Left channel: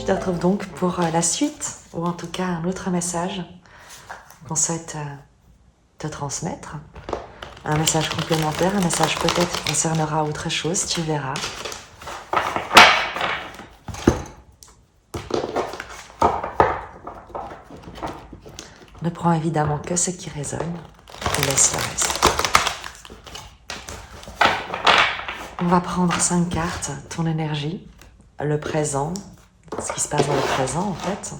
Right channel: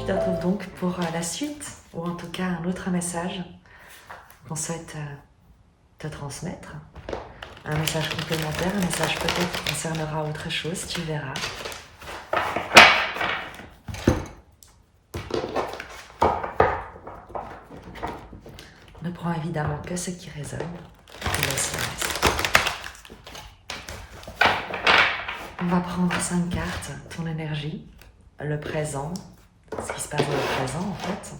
Je te retrouve donc pour la suite, ou en tout cas un autre message qu'on souhaite te transmettre. Un message complémentaire, un message peut-être qui concernera autre chose, tu verras. Ne prends évidemment que ce qui résonne et laisse le reste. On va prendre 5 cartes, ton énergie, le présent, ce qui se passe dans le présent en fait,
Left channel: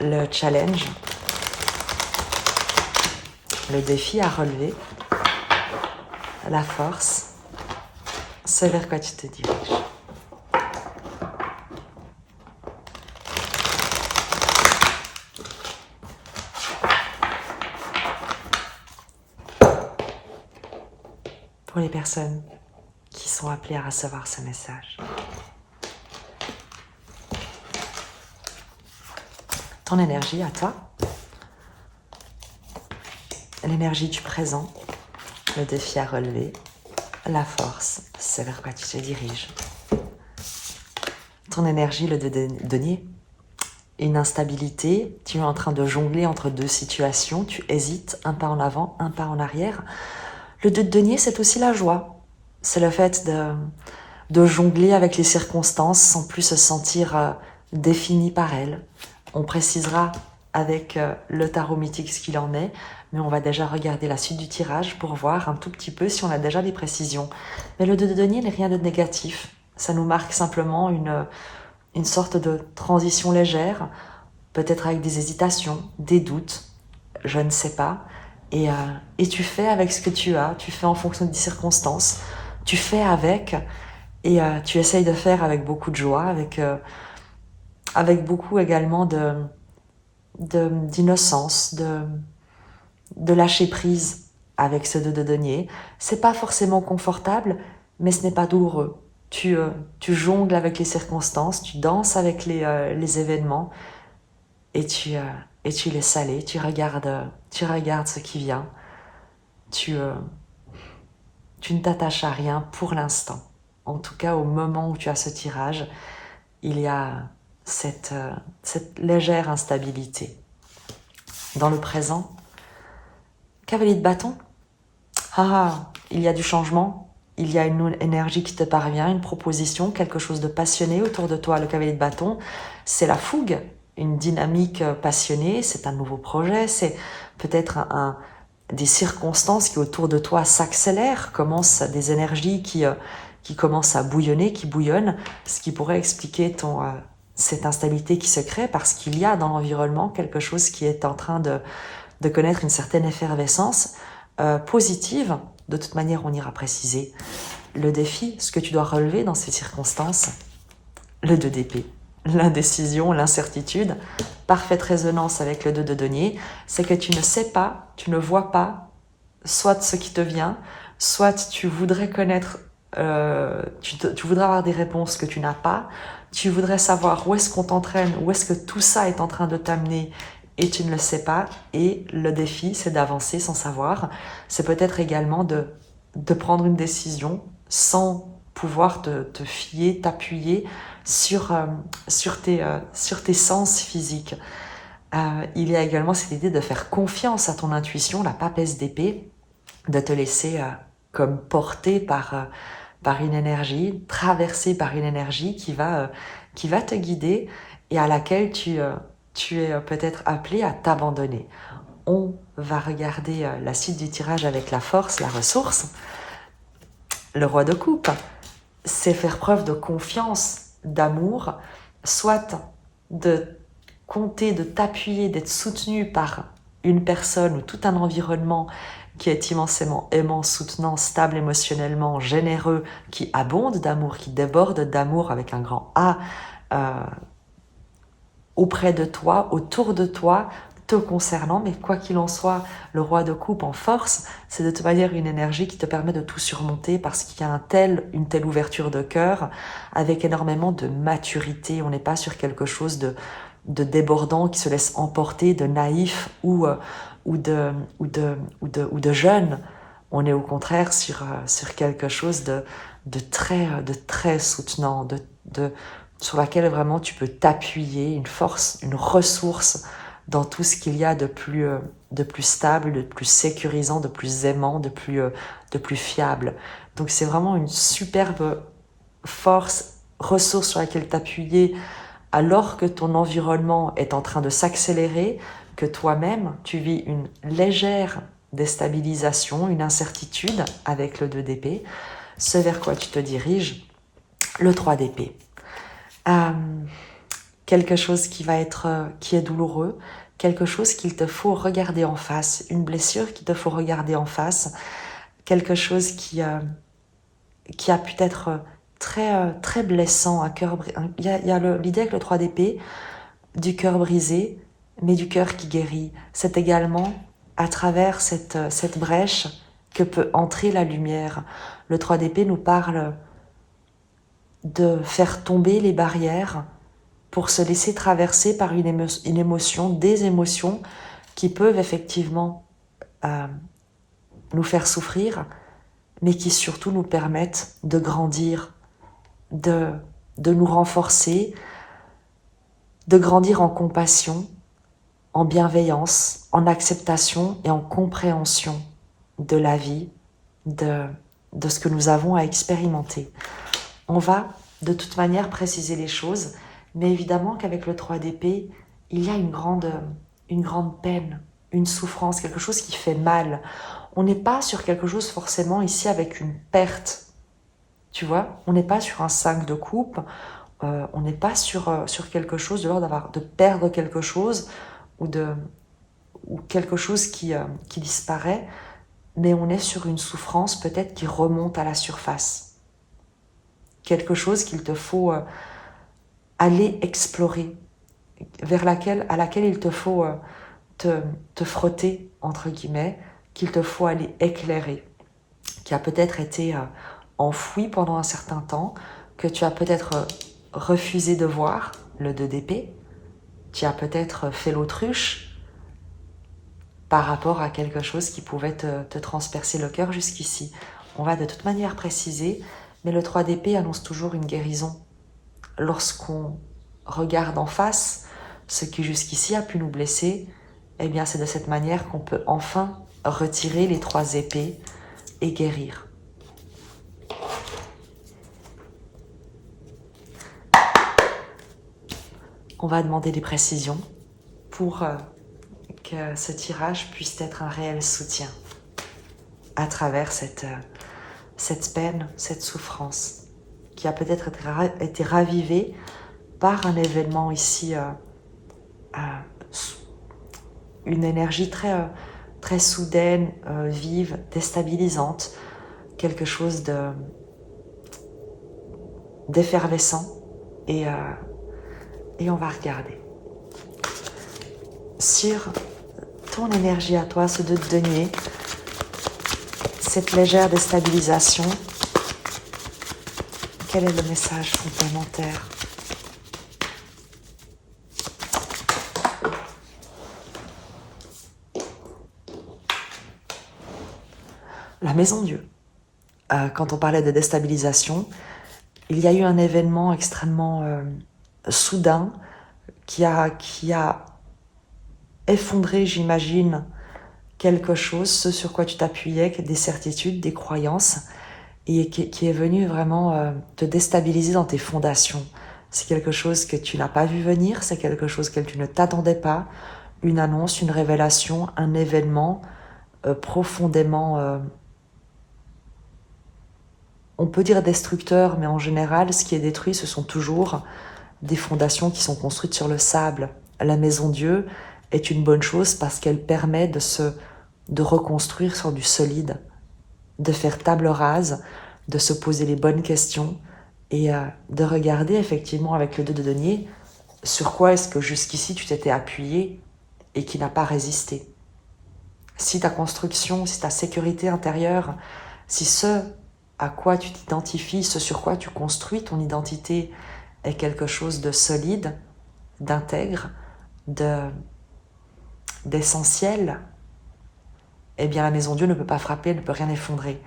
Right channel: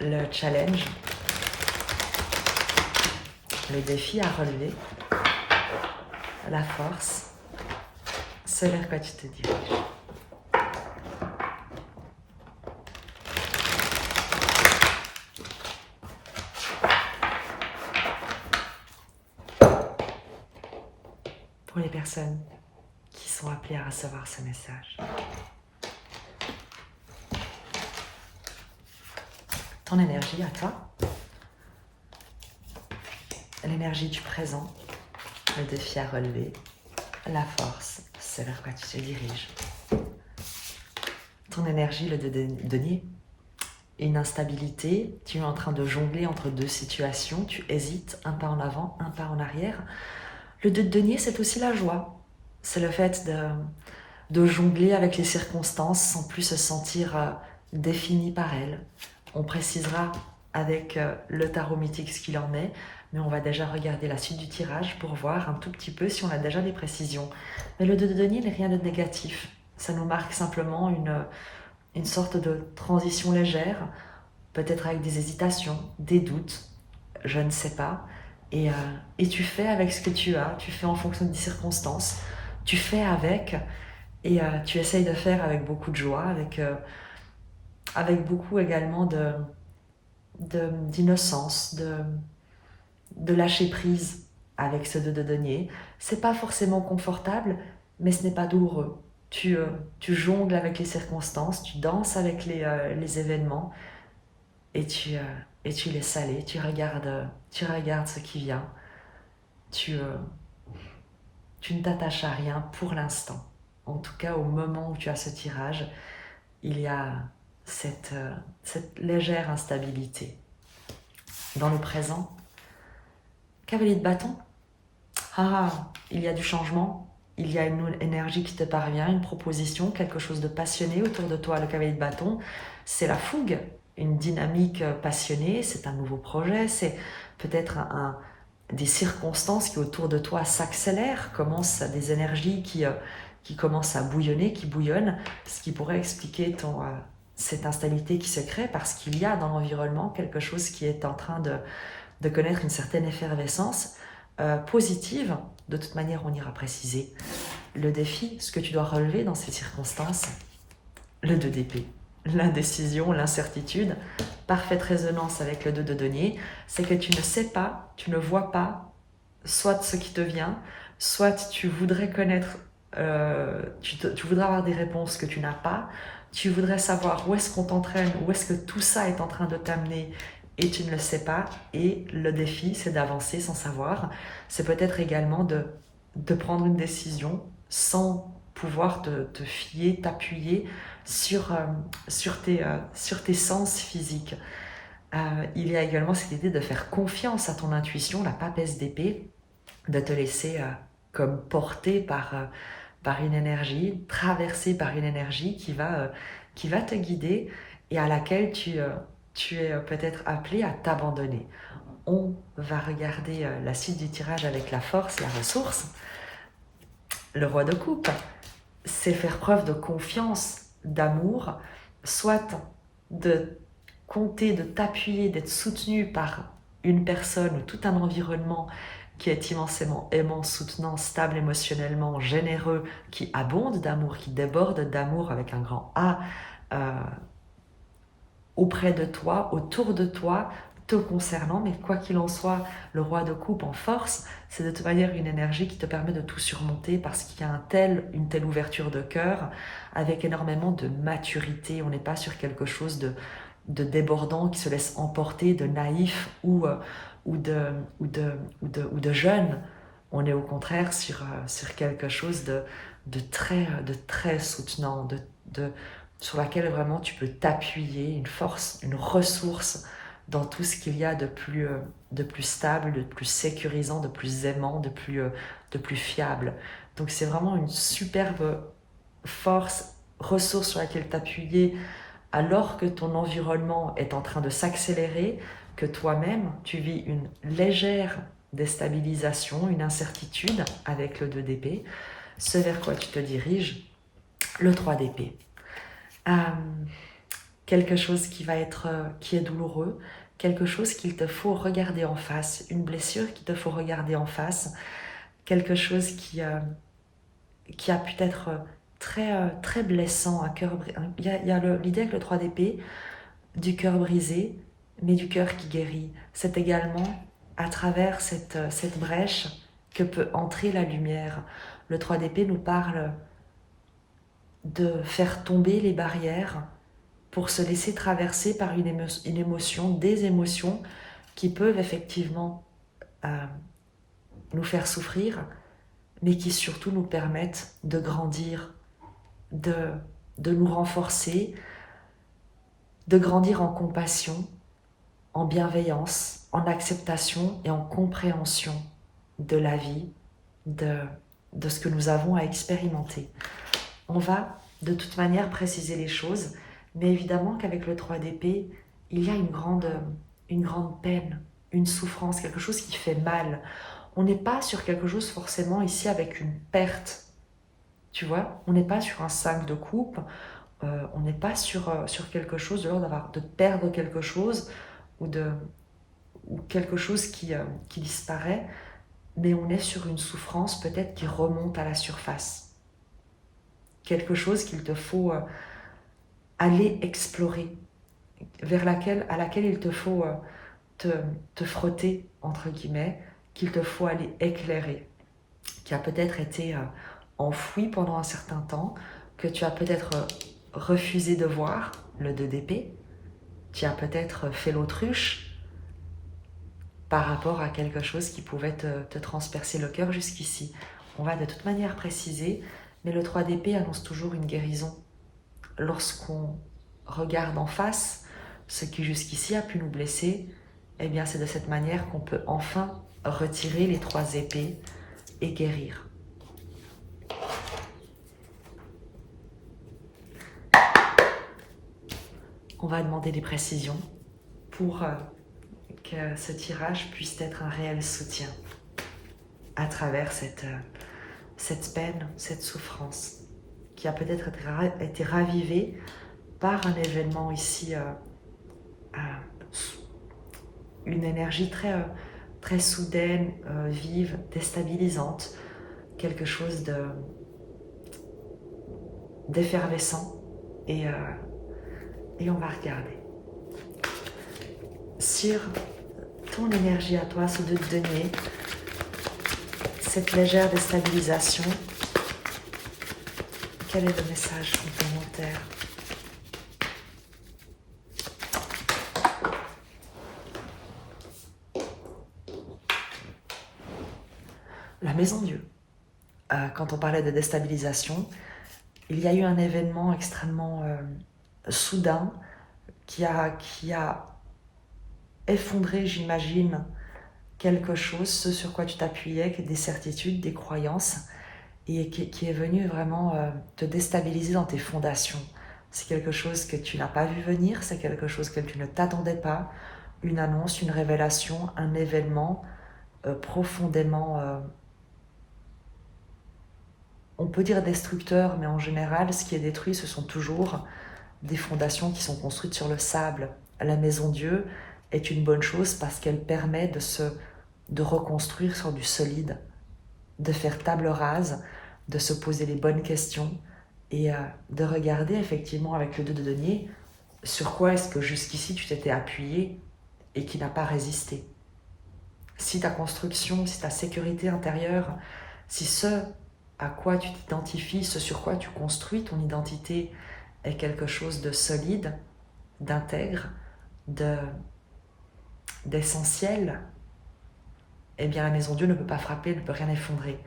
le challenge, le défi à relever, la force, ce vers quoi tu te diriges. Pour les personnes qui sont appelées à recevoir ce message. Ton énergie à toi, l'énergie du présent, le défi à relever, la force, c'est vers quoi tu te diriges. Ton énergie, le denier, une instabilité, tu es en train de jongler entre deux situations, tu hésites, un pas en avant, un pas en arrière. Le denier, c'est aussi la joie. C'est le fait de jongler avec les circonstances sans plus se sentir défini par elles. On précisera avec le tarot mythique ce qu'il en est, mais on va déjà regarder la suite du tirage pour voir un tout petit peu si on a déjà des précisions. Mais le denier n'est rien de négatif. Ça nous marque simplement une sorte de transition légère, peut-être avec des hésitations, des doutes, je ne sais pas. Et tu fais avec ce que tu as, tu fais en fonction des circonstances, tu fais avec, et tu essayes de faire avec beaucoup de joie, avec beaucoup également d'innocence, de lâcher prise avec ce de denier. C'est pas forcément confortable, mais ce n'est pas douloureux. Tu jongles avec les circonstances, tu danses avec les événements et tu laisses aller, tu regardes ce qui vient. Tu ne t'attaches à rien pour l'instant. En tout cas, au moment où tu as ce tirage, il y a cette légère instabilité. Dans le présent, cavalier de bâton, il y a du changement, il y a une énergie qui te parvient, une proposition, quelque chose de passionné autour de toi. Le cavalier de bâton, c'est la fougue, une dynamique passionnée, c'est un nouveau projet, c'est peut-être des circonstances qui autour de toi s'accélèrent, commencent des énergies qui commencent à bouillonner, qui bouillonnent, ce qui pourrait expliquer cette instabilité qui se crée parce qu'il y a dans l'environnement quelque chose qui est en train de connaître une certaine effervescence positive. De toute manière, on ira préciser le défi, ce que tu dois relever dans ces circonstances, le 2 d'épée, l'indécision, l'incertitude, parfaite résonance avec le 2 de denier, c'est que tu ne sais pas, tu ne vois pas, soit ce qui te vient, soit tu voudrais connaître, tu voudrais avoir des réponses que tu n'as pas, tu voudrais savoir où est-ce qu'on t'entraîne, où est-ce que tout ça est en train de t'amener et tu ne le sais pas. Et le défi, c'est d'avancer sans savoir. C'est peut-être également de prendre une décision sans pouvoir te fier, t'appuyer sur tes sens physiques. Il y a également cette idée de faire confiance à ton intuition, la papesse d'épée, de te laisser comme porter par une énergie, traversée par une énergie qui va te guider et à laquelle tu es peut-être appelé à t'abandonner. On va regarder la suite du tirage avec la force, la ressource. Le roi de coupe, c'est faire preuve de confiance, d'amour, soit de compter, de t'appuyer, d'être soutenu par une personne ou tout un environnement qui est immensément aimant, soutenant, stable émotionnellement, généreux, qui abonde d'amour, qui déborde d'amour avec un grand A auprès de toi, autour de toi, te concernant, mais quoi qu'il en soit, le roi de coupe en force, c'est de toute manière une énergie qui te permet de tout surmonter parce qu'il y a une telle ouverture de cœur avec énormément de maturité. On n'est pas sur quelque chose de débordant qui se laisse emporter, de naïf ou de jeune. On est au contraire sur quelque chose de très soutenant, sur laquelle vraiment tu peux t'appuyer, une force, une ressource dans tout ce qu'il y a de plus stable, de plus sécurisant, de plus aimant, de plus fiable. Donc c'est vraiment une superbe force, ressource sur laquelle t'appuyer alors que ton environnement est en train de s'accélérer, que toi-même tu vis une légère déstabilisation, une incertitude avec le 2 d'épée, ce vers quoi tu te diriges, le 3 d'épée. Quelque chose qui est douloureux, quelque chose qu'il te faut regarder en face, une blessure qu'il te faut regarder en face, quelque chose qui a pu être très blessant à cœur brisé. Il y a l'idée avec le 3 d'épée du cœur brisé, mais du cœur qui guérit. C'est également à travers cette brèche que peut entrer la lumière. Le 3 d'épée nous parle de faire tomber les barrières pour se laisser traverser par une émotion, des émotions qui peuvent effectivement nous faire souffrir, mais qui surtout nous permettent de grandir, de nous renforcer, de grandir en compassion, en bienveillance, en acceptation et en compréhension de la vie, de ce que nous avons à expérimenter. On va de toute manière préciser les choses, mais évidemment qu'avec le 3 d'épée, il y a une grande peine, une souffrance, quelque chose qui fait mal. On n'est pas sur quelque chose forcément ici avec une perte, tu vois, on n'est pas sur un 5 de coupe, on n'est pas sur quelque chose de l'ordre de perdre quelque chose ou quelque chose qui disparaît, mais on est sur une souffrance peut-être qui remonte à la surface. Quelque chose qu'il te faut aller explorer, à laquelle il te faut te frotter, entre guillemets, qu'il te faut aller éclairer, qui a peut-être été enfoui pendant un certain temps, que tu as peut-être refusé de voir, le 2 d'épée, tu as peut-être fait l'autruche par rapport à quelque chose qui pouvait te transpercer le cœur jusqu'ici. On va de toute manière préciser, mais le 3 d'épée annonce toujours une guérison. Lorsqu'on regarde en face ce qui jusqu'ici a pu nous blesser, eh bien c'est de cette manière qu'on peut enfin retirer les 3 épées et guérir. On va demander des précisions pour que ce tirage puisse être un réel soutien à travers cette peine, cette souffrance qui a peut-être été ravivée par un événement ici, une énergie très soudaine, vive, déstabilisante, quelque chose d'effervescent. Et on va regarder. Sur ton énergie à toi, ce 2 de denier, cette légère déstabilisation, quel est le message complémentaire ? La maison Dieu. Quand on parlait de déstabilisation, il y a eu un événement extrêmement soudain qui a effondré, j'imagine, quelque chose, ce sur quoi tu t'appuyais, des certitudes, des croyances, et qui est venu vraiment te déstabiliser dans tes fondations. C'est quelque chose que tu n'as pas vu venir, c'est quelque chose que tu ne t'attendais pas, une annonce, une révélation, un événement profondément, on peut dire destructeur, mais en général, ce qui est détruit, ce sont toujours des fondations qui sont construites sur le sable. La maison Dieu est une bonne chose parce qu'elle permet de reconstruire sur du solide, de faire table rase, de se poser les bonnes questions et de regarder effectivement avec le 2 de denier sur quoi est-ce que jusqu'ici tu t'étais appuyé et qui n'a pas résisté. Si ta construction, si ta sécurité intérieure, si ce à quoi tu t'identifies, ce sur quoi tu construis ton identité est quelque chose de solide, d'intègre, d'essentiel, eh bien la maison Dieu ne peut pas frapper, ne peut rien effondrer.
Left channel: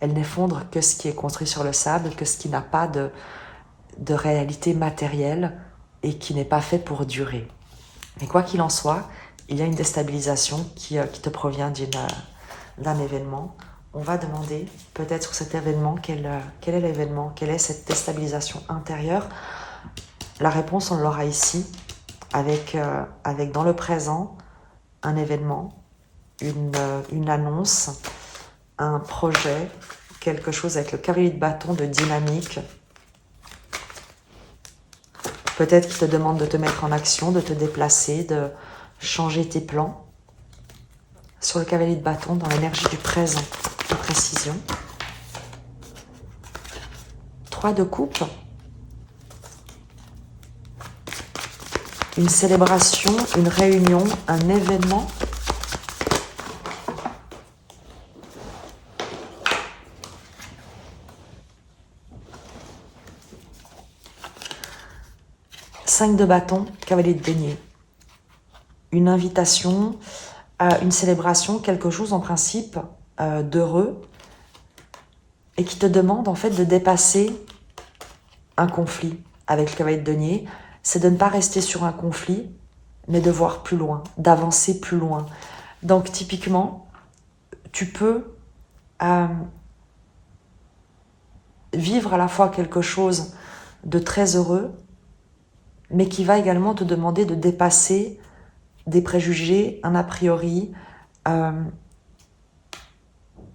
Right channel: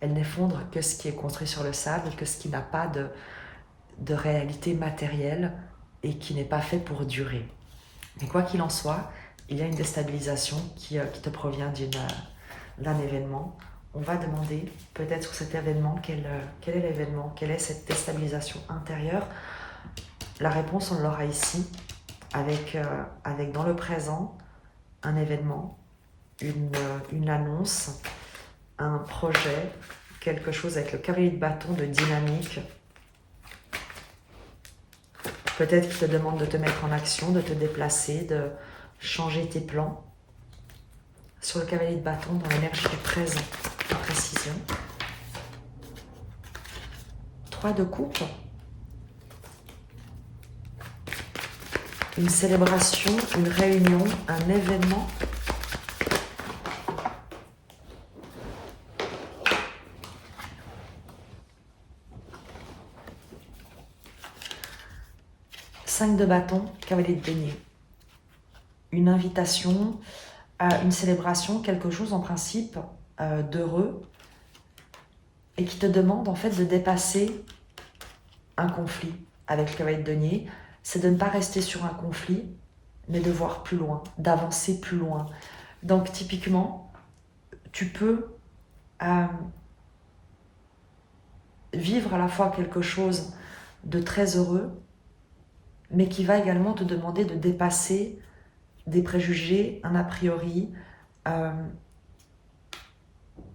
Elle n'effondre que ce qui est construit sur le sable, que ce qui n'a pas de réalité matérielle et qui n'est pas fait pour durer. Mais quoi qu'il en soit, il y a une déstabilisation qui te provient d'un événement. On va demander peut-être sur cet événement, quel est l'événement, quelle est cette déstabilisation intérieure. La réponse, on l'aura ici, avec dans le présent, un événement, une annonce, un projet, quelque chose avec le cavalier de bâton de dynamique. Peut-être qu'il te demande de te mettre en action, de te déplacer, de changer tes plans. Sur le cavalier de bâton, dans l'énergie du présent, de précision. 3 de coupe. Une célébration, une réunion, un événement. Cinq de bâton, cavalier de denier. Une invitation, une célébration, quelque chose en principe d'heureux et qui te demande en fait de dépasser un conflit avec le cavalier de denier. C'est de ne pas rester sur un conflit, mais de voir plus loin, d'avancer plus loin. Donc typiquement, tu peux vivre à la fois quelque chose de très heureux, mais qui va également te demander de dépasser des préjugés, un a priori,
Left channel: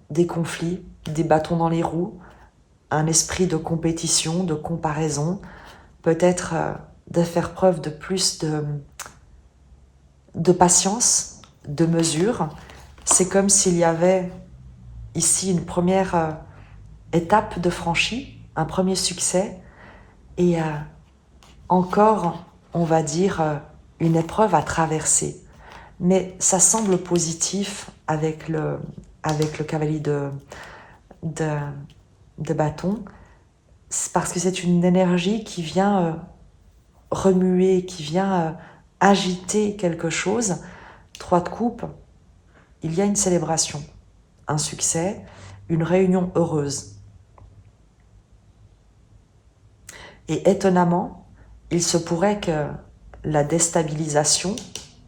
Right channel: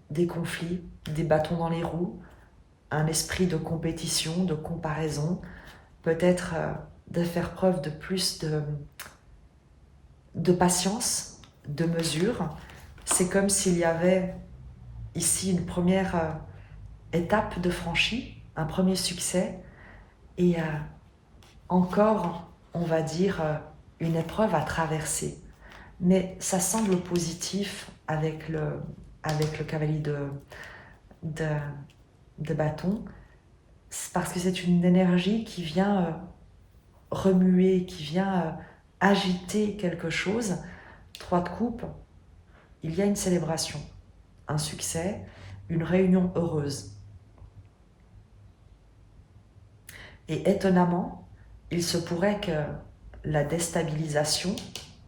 des conflits, des bâtons dans les roues, un esprit de compétition, de comparaison, peut-être de faire preuve de plus de patience, de mesure. C'est comme s'il y avait ici une première étape de franchie, un premier succès, et encore, on va dire, une épreuve à traverser. Mais ça semble positif avec le cavalier de bâton, parce que c'est une énergie qui vient remuer, qui vient agiter quelque chose. 3 de coupe, il y a une célébration, un succès, une réunion heureuse. Et étonnamment, il se pourrait que la déstabilisation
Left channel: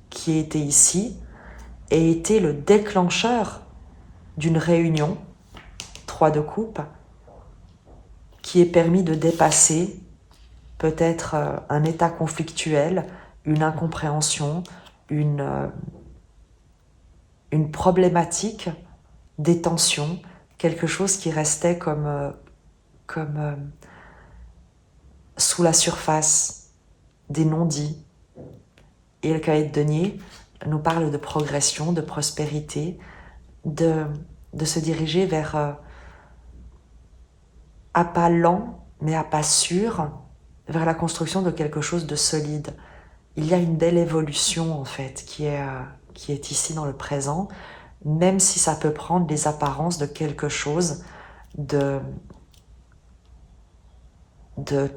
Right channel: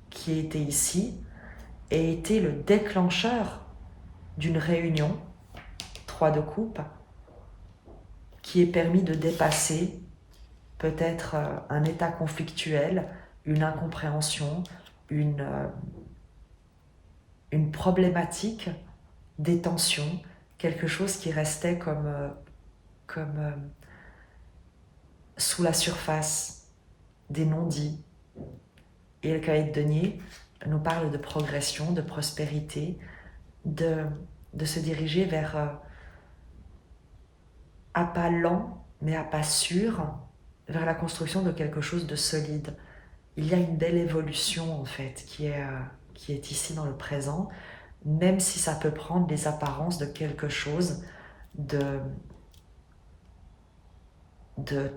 qui était ici ait été le déclencheur d'une réunion, 3 de coupe, qui ait permis de dépasser peut-être un état conflictuel, une incompréhension, une problématique, des tensions, quelque chose qui restait comme sous la surface, des non-dits. Et le cavalier de denier nous parle de progression, de prospérité, de se diriger vers, à pas lent, mais à pas sûr, vers la construction de quelque chose de solide. Il y a une belle évolution en fait qui est ici dans le présent, même si ça peut prendre les apparences de quelque chose de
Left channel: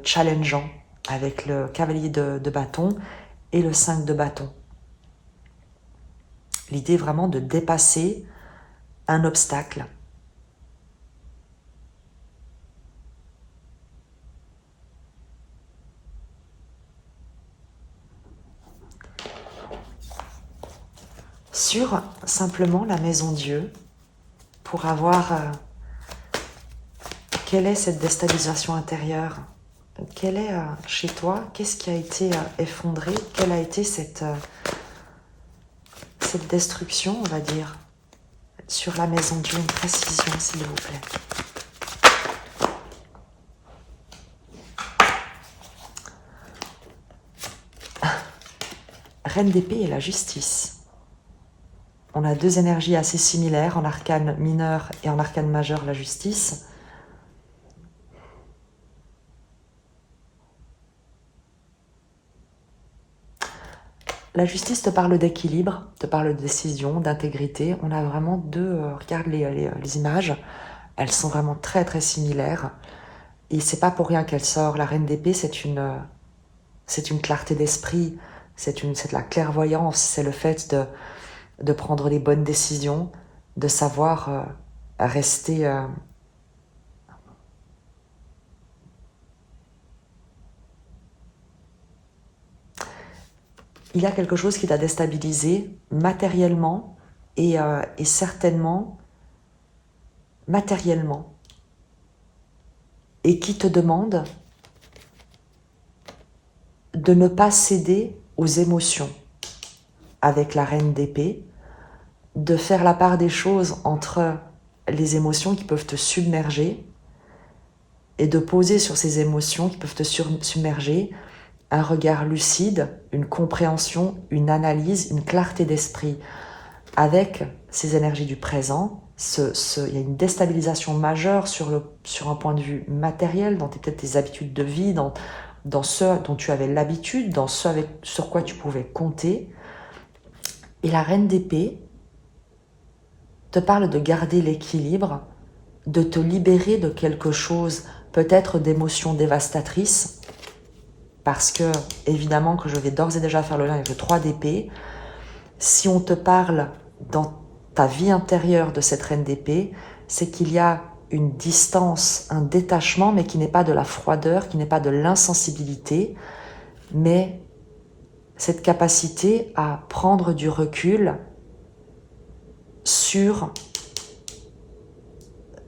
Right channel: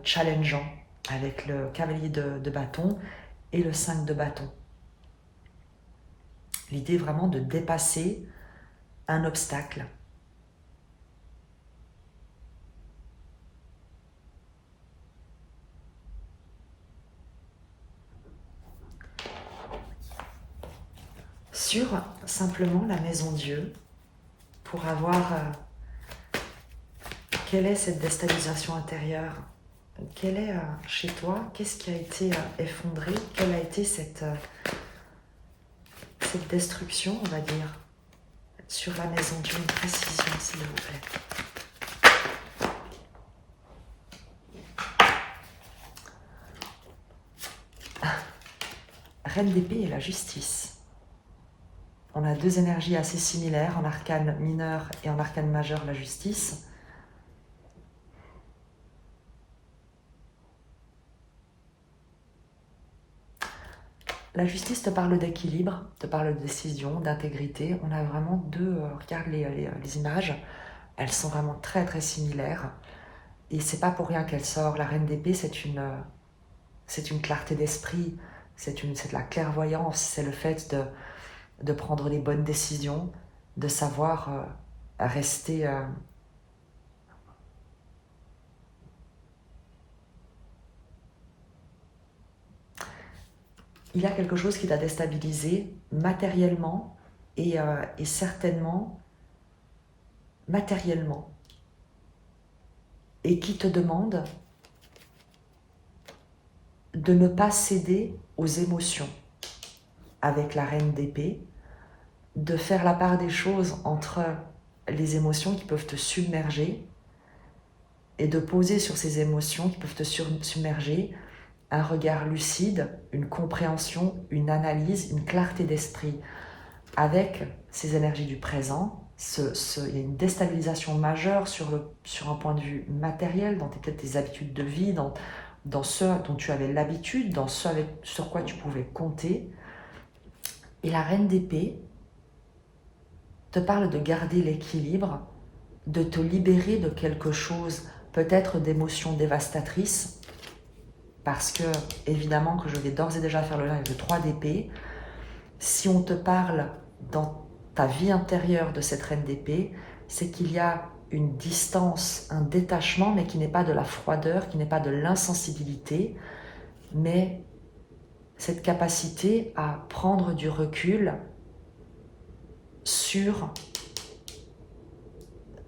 challengeant avec le cavalier de bâton et le 5 de bâton. L'idée vraiment de dépasser un obstacle. Sur simplement la maison Dieu, pour avoir quelle est cette déstabilisation intérieure, quelle est chez toi, qu'est-ce qui a été effondré, quelle a été cette destruction, on va dire, sur la maison Dieu, une précision s'il vous plaît. Reine d'épée et la justice. On a 2 énergies assez similaires en arcane mineur et en arcane majeur, la justice. La justice te parle d'équilibre, te parle de décision, d'intégrité. On a vraiment 2, regarde les images, elles sont vraiment très très similaires. Et c'est pas pour rien qu'elle sort. La reine d'épée, c'est une clarté d'esprit, c'est de la clairvoyance, c'est le fait de prendre les bonnes décisions, de savoir rester il y a quelque chose qui t'a déstabilisé matériellement et certainement matériellement, et qui te demande de ne pas céder aux émotions avec la reine d'épée, de faire la part des choses entre les émotions qui peuvent te submerger et de poser sur ces émotions qui peuvent te submerger un regard lucide, une compréhension, une analyse, une clarté d'esprit. Avec ces énergies du présent, il y a une déstabilisation majeure sur un point de vue matériel, dans peut-être tes habitudes de vie, dans ce dont tu avais l'habitude, dans ce sur quoi tu pouvais compter. Et la reine d'épée te parle de garder l'équilibre, de te libérer de quelque chose, peut-être d'émotions dévastatrices, parce que, évidemment, que je vais d'ores et déjà faire le lien avec le 3 d'épée. Si on te parle dans ta vie intérieure de cette reine d'épée, c'est qu'il y a une distance, un détachement, mais qui n'est pas de la froideur, qui n'est pas de l'insensibilité, mais cette capacité à prendre du recul sur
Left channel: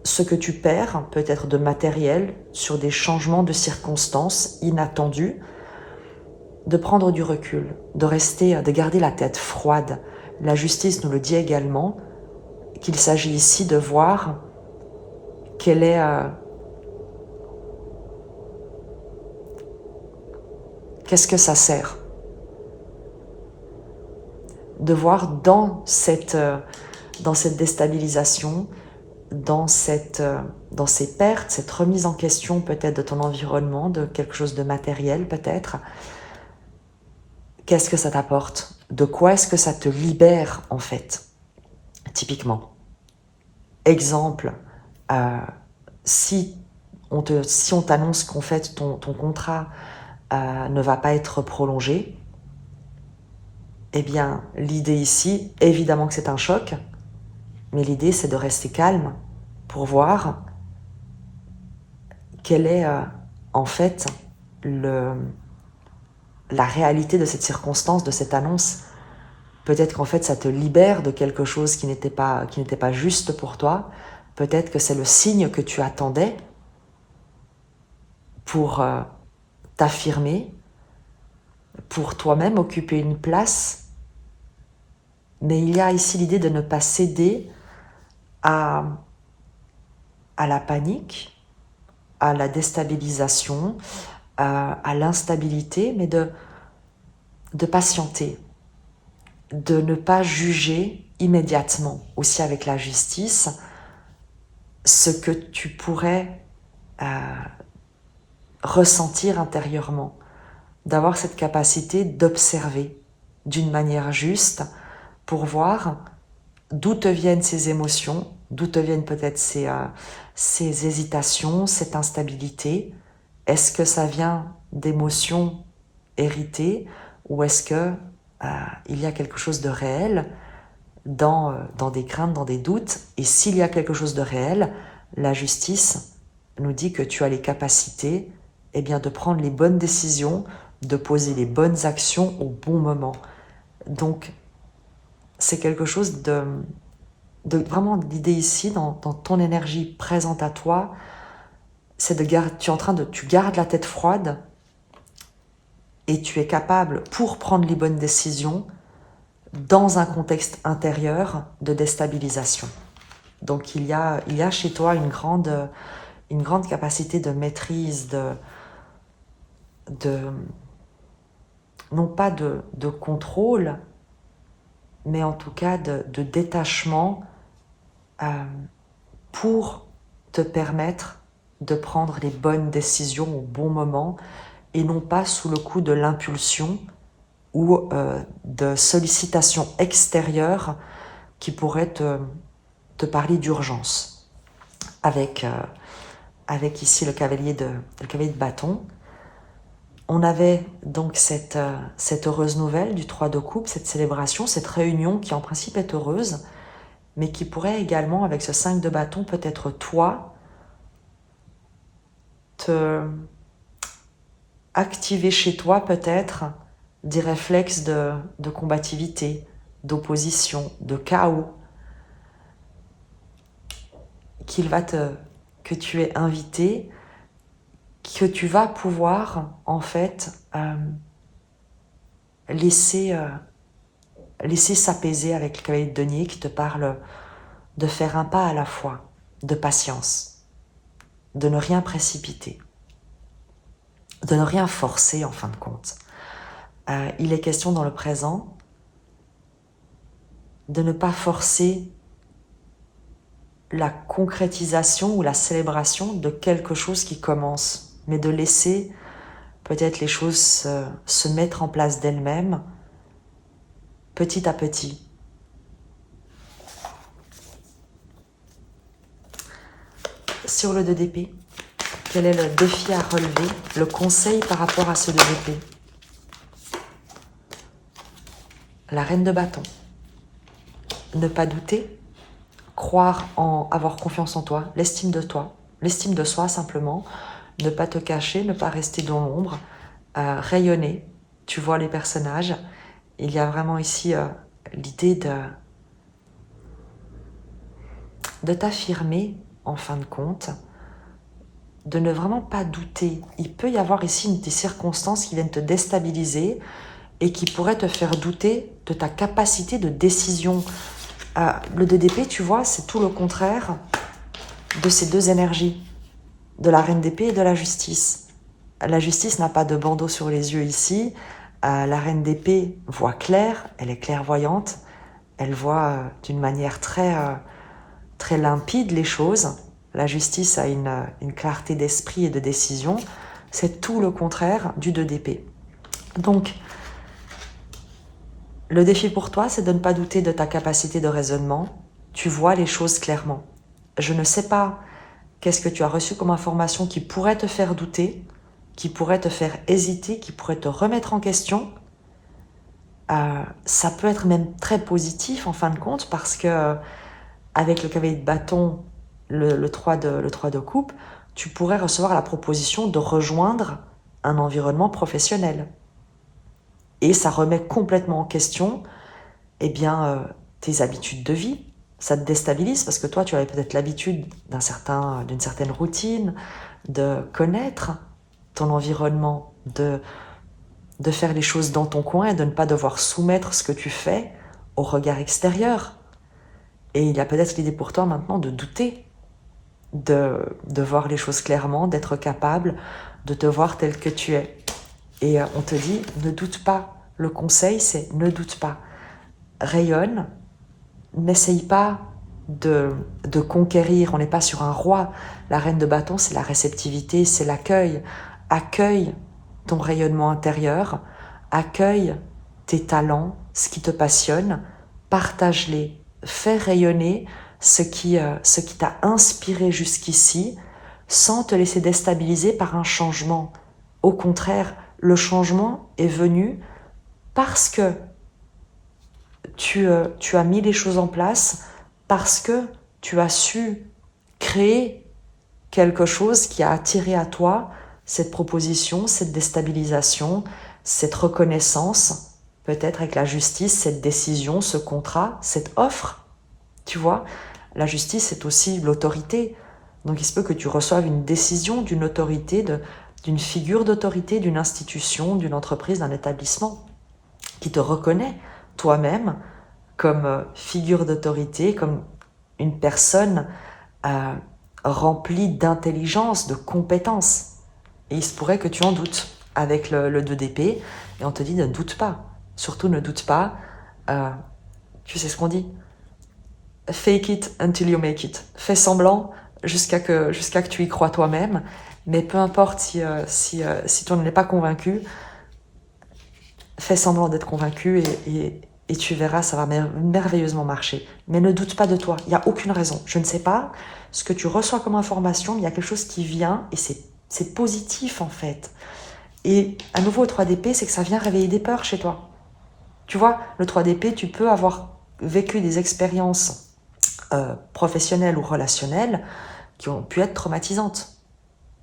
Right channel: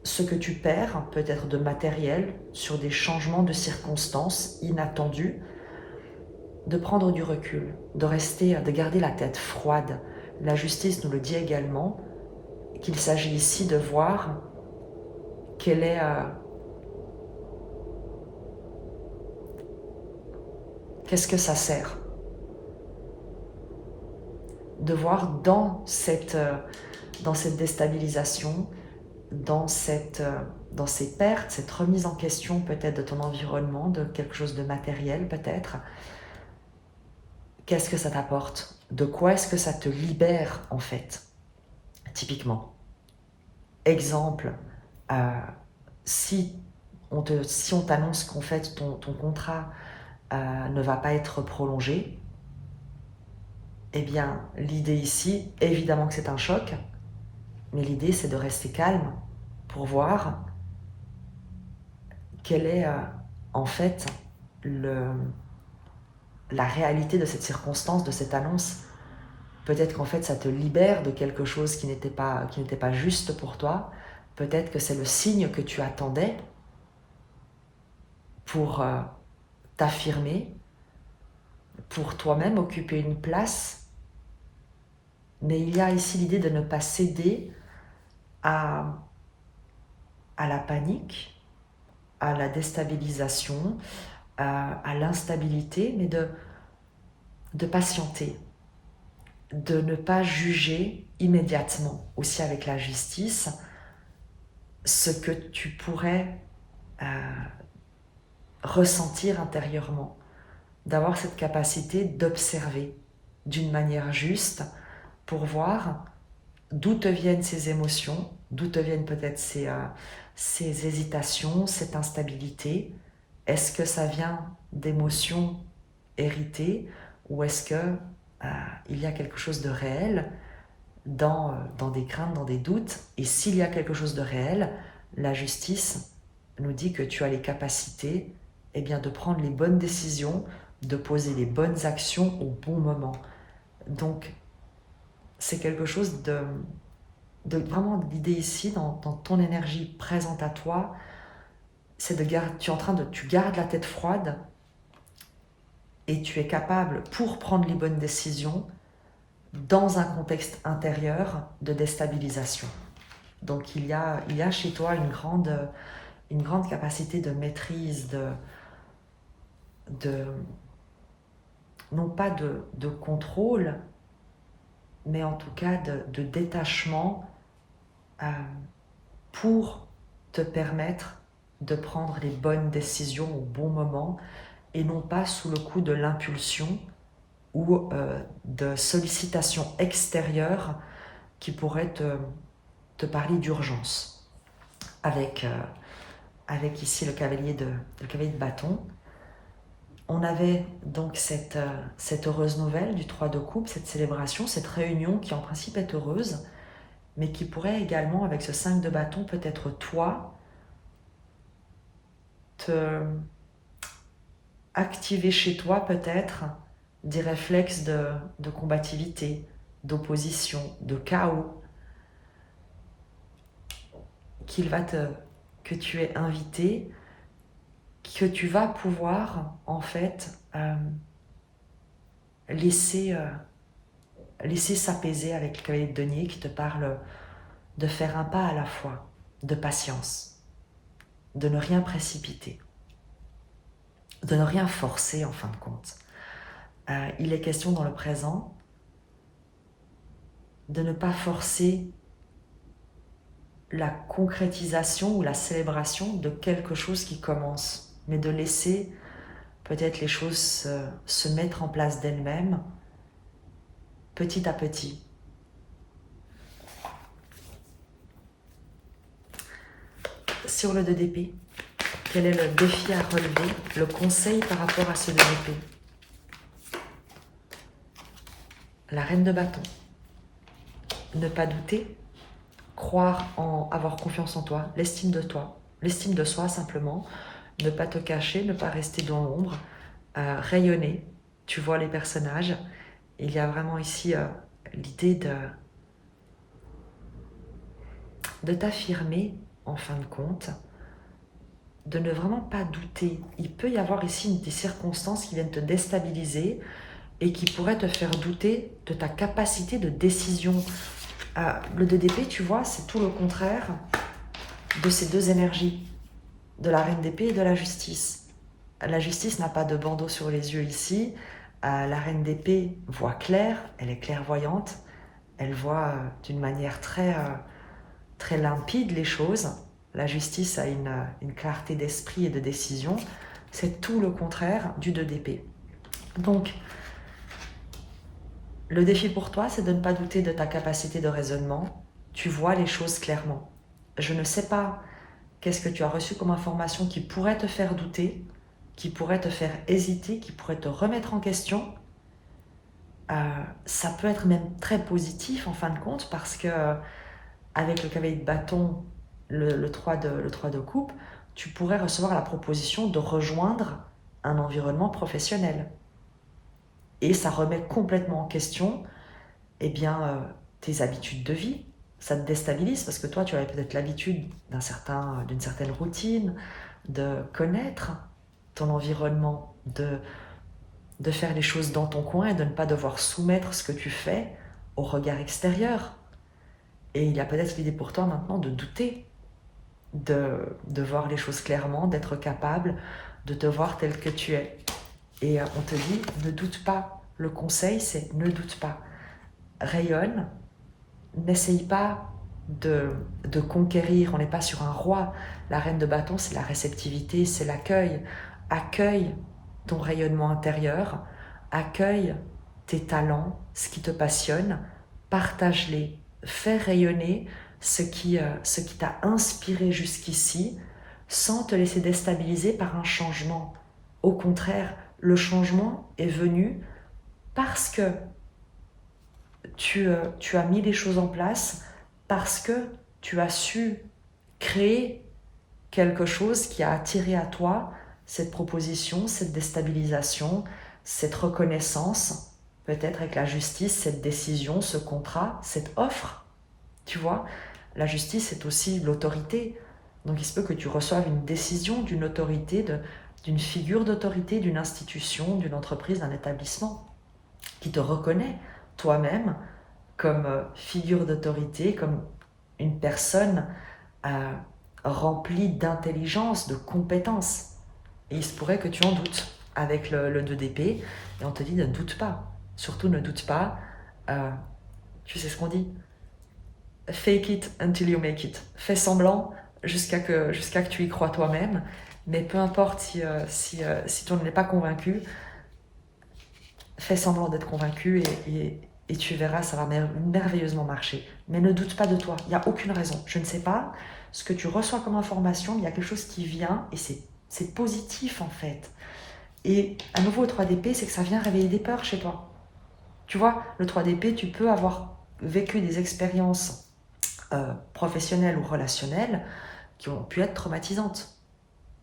ce que tu perds, peut-être de matériel, sur des changements de circonstances inattendus, de prendre du recul, de garder la tête froide. La justice nous le dit également, qu'il s'agit ici de voir qu'est-ce que ça sert. De voir dans cette déstabilisation, dans ces pertes, cette remise en question peut-être de ton environnement, de quelque chose de matériel peut-être, qu'est-ce que ça t'apporte? De quoi est-ce que ça te libère en fait? Typiquement. Exemple, si on t'annonce qu'en fait ton contrat ne va pas être prolongé, eh bien l'idée ici, évidemment que c'est un choc, mais l'idée c'est de rester calme pour voir quelle est en fait la réalité de cette circonstance, de cette annonce. Peut-être qu'en fait ça te libère de quelque chose qui n'était pas juste pour toi. Peut-être que c'est le signe que tu attendais pour t'affirmer, pour toi-même occuper une place. Mais il y a ici l'idée de ne pas céder à la panique, à la déstabilisation, à l'instabilité, mais de patienter, de ne pas juger immédiatement, aussi avec la justice, ce que tu pourrais ressentir intérieurement, d'avoir cette capacité d'observer d'une manière juste pour voir d'où te viennent ces émotions, d'où te viennent peut-être ces hésitations, cette instabilité. Est-ce que ça vient d'émotions héritées ou est-ce que il y a quelque chose de réel dans des craintes, dans des doutes? Et s'il y a quelque chose de réel, la justice nous dit que tu as les capacités de prendre les bonnes décisions, de poser les bonnes actions au bon moment. Donc, c'est quelque chose de vraiment l'idée ici, dans ton énergie présente à toi, c'est tu gardes la tête froide et tu es capable, pour prendre les bonnes décisions, dans un contexte intérieur de déstabilisation. Donc il y a chez toi une grande capacité de maîtrise, non pas de contrôle, mais en tout cas de détachement pour te permettre de prendre les bonnes décisions au bon moment et non pas sous le coup de l'impulsion ou de sollicitations extérieures qui pourraient te parler d'urgence. Avec ici le cavalier de bâton, on avait donc cette heureuse nouvelle du 3 de coupe, cette célébration, cette réunion qui en principe est heureuse, mais qui pourrait également, avec ce 5 de bâton, peut-être toi, te activer chez toi peut-être des réflexes de combativité, d'opposition, de chaos, que tu es invité, que tu vas pouvoir en fait laisser s'apaiser avec le cavalier de denier qui te parle de faire un pas à la fois, de patience, de ne rien précipiter, de ne rien forcer en fin de compte. Il est question dans le présent de ne pas forcer la concrétisation ou la célébration de quelque chose qui commence, mais de laisser peut-être les choses se mettre en place d'elles-mêmes petit à petit. Sur le 2 d'épée, quel est le défi à relever, le conseil par rapport à ce 2 d'épée? La reine de bâton. Ne pas douter, croire en avoir confiance en toi, l'estime de soi simplement, ne pas te cacher, ne pas rester dans l'ombre, rayonner. Tu vois les personnages. Il y a vraiment ici l'idée de t'affirmer en fin de compte, de ne vraiment pas douter. Il peut y avoir ici des circonstances qui viennent te déstabiliser et qui pourraient te faire douter de ta capacité de décision. Le 2 d'épée, tu vois, c'est tout le contraire de ces deux énergies, de la reine d'épée et de la justice. La justice n'a pas de bandeau sur les yeux ici. La reine d'épée voit clair, elle est clairvoyante, elle voit d'une manière très limpide les choses. La justice a une clarté d'esprit et de décision. C'est tout le contraire du 2 d'épée. Donc, le défi pour toi, c'est de ne pas douter de ta capacité de raisonnement. Tu vois les choses clairement. Je ne sais pas qu'est-ce que tu as reçu comme information qui pourrait te faire douter, qui pourrait te faire hésiter, qui pourrait te remettre en question. Ça peut être même très positif en fin de compte parce que avec le cavalier de bâton, le 3 de coupe, tu pourrais recevoir la proposition de rejoindre un environnement professionnel. Et ça remet complètement en question tes habitudes de vie. Ça te déstabilise parce que toi, tu avais peut-être l'habitude d'une certaine routine, de connaître ton environnement, de faire les choses dans ton coin et de ne pas devoir soumettre ce que tu fais au regard extérieur. Et il y a peut-être l'idée pour toi maintenant de douter, de voir les choses clairement, d'être capable de te voir tel que tu es. Et on te dit, ne doute pas. Le conseil, c'est ne doute pas. Rayonne, n'essaye pas de conquérir. On n'est pas sur un roi. La reine de bâton, c'est la réceptivité, c'est l'accueil. Accueille ton rayonnement intérieur, accueille tes talents, ce qui te passionne, partage-les, fais rayonner ce qui t'a inspiré jusqu'ici sans te laisser déstabiliser par un changement. Au contraire, le changement est venu parce que tu as mis les choses en place, parce que tu as su créer quelque chose qui a attiré à toi cette proposition, cette déstabilisation, cette reconnaissance, peut-être avec la justice, cette décision, ce contrat, cette offre. Tu vois, la justice, c'est aussi l'autorité. Donc il se peut que tu reçoives une décision d'une autorité, d'une figure d'autorité, d'une institution, d'une entreprise, d'un établissement, qui te reconnaît toi-même comme figure d'autorité, comme une personne remplie d'intelligence, de compétences. Et il se pourrait que tu en doutes avec le 2 d'épée, et on te dit ne doute pas. Surtout ne doute pas. Tu sais ce qu'on dit? Fake it until you make it. Fais semblant jusqu'à que tu y crois toi-même, mais peu importe si tu n'en es pas convaincu, fais semblant d'être convaincu et tu verras, ça va merveilleusement marcher. Mais ne doute pas de toi, il n'y a aucune raison. Je ne sais pas ce que tu reçois comme information, mais il y a quelque chose qui vient et c'est positif en fait. Et à nouveau, le 3 d'épée, c'est que ça vient réveiller des peurs chez toi. Tu vois, le 3 d'épée, tu peux avoir vécu des expériences professionnelles ou relationnelles qui ont pu être traumatisantes,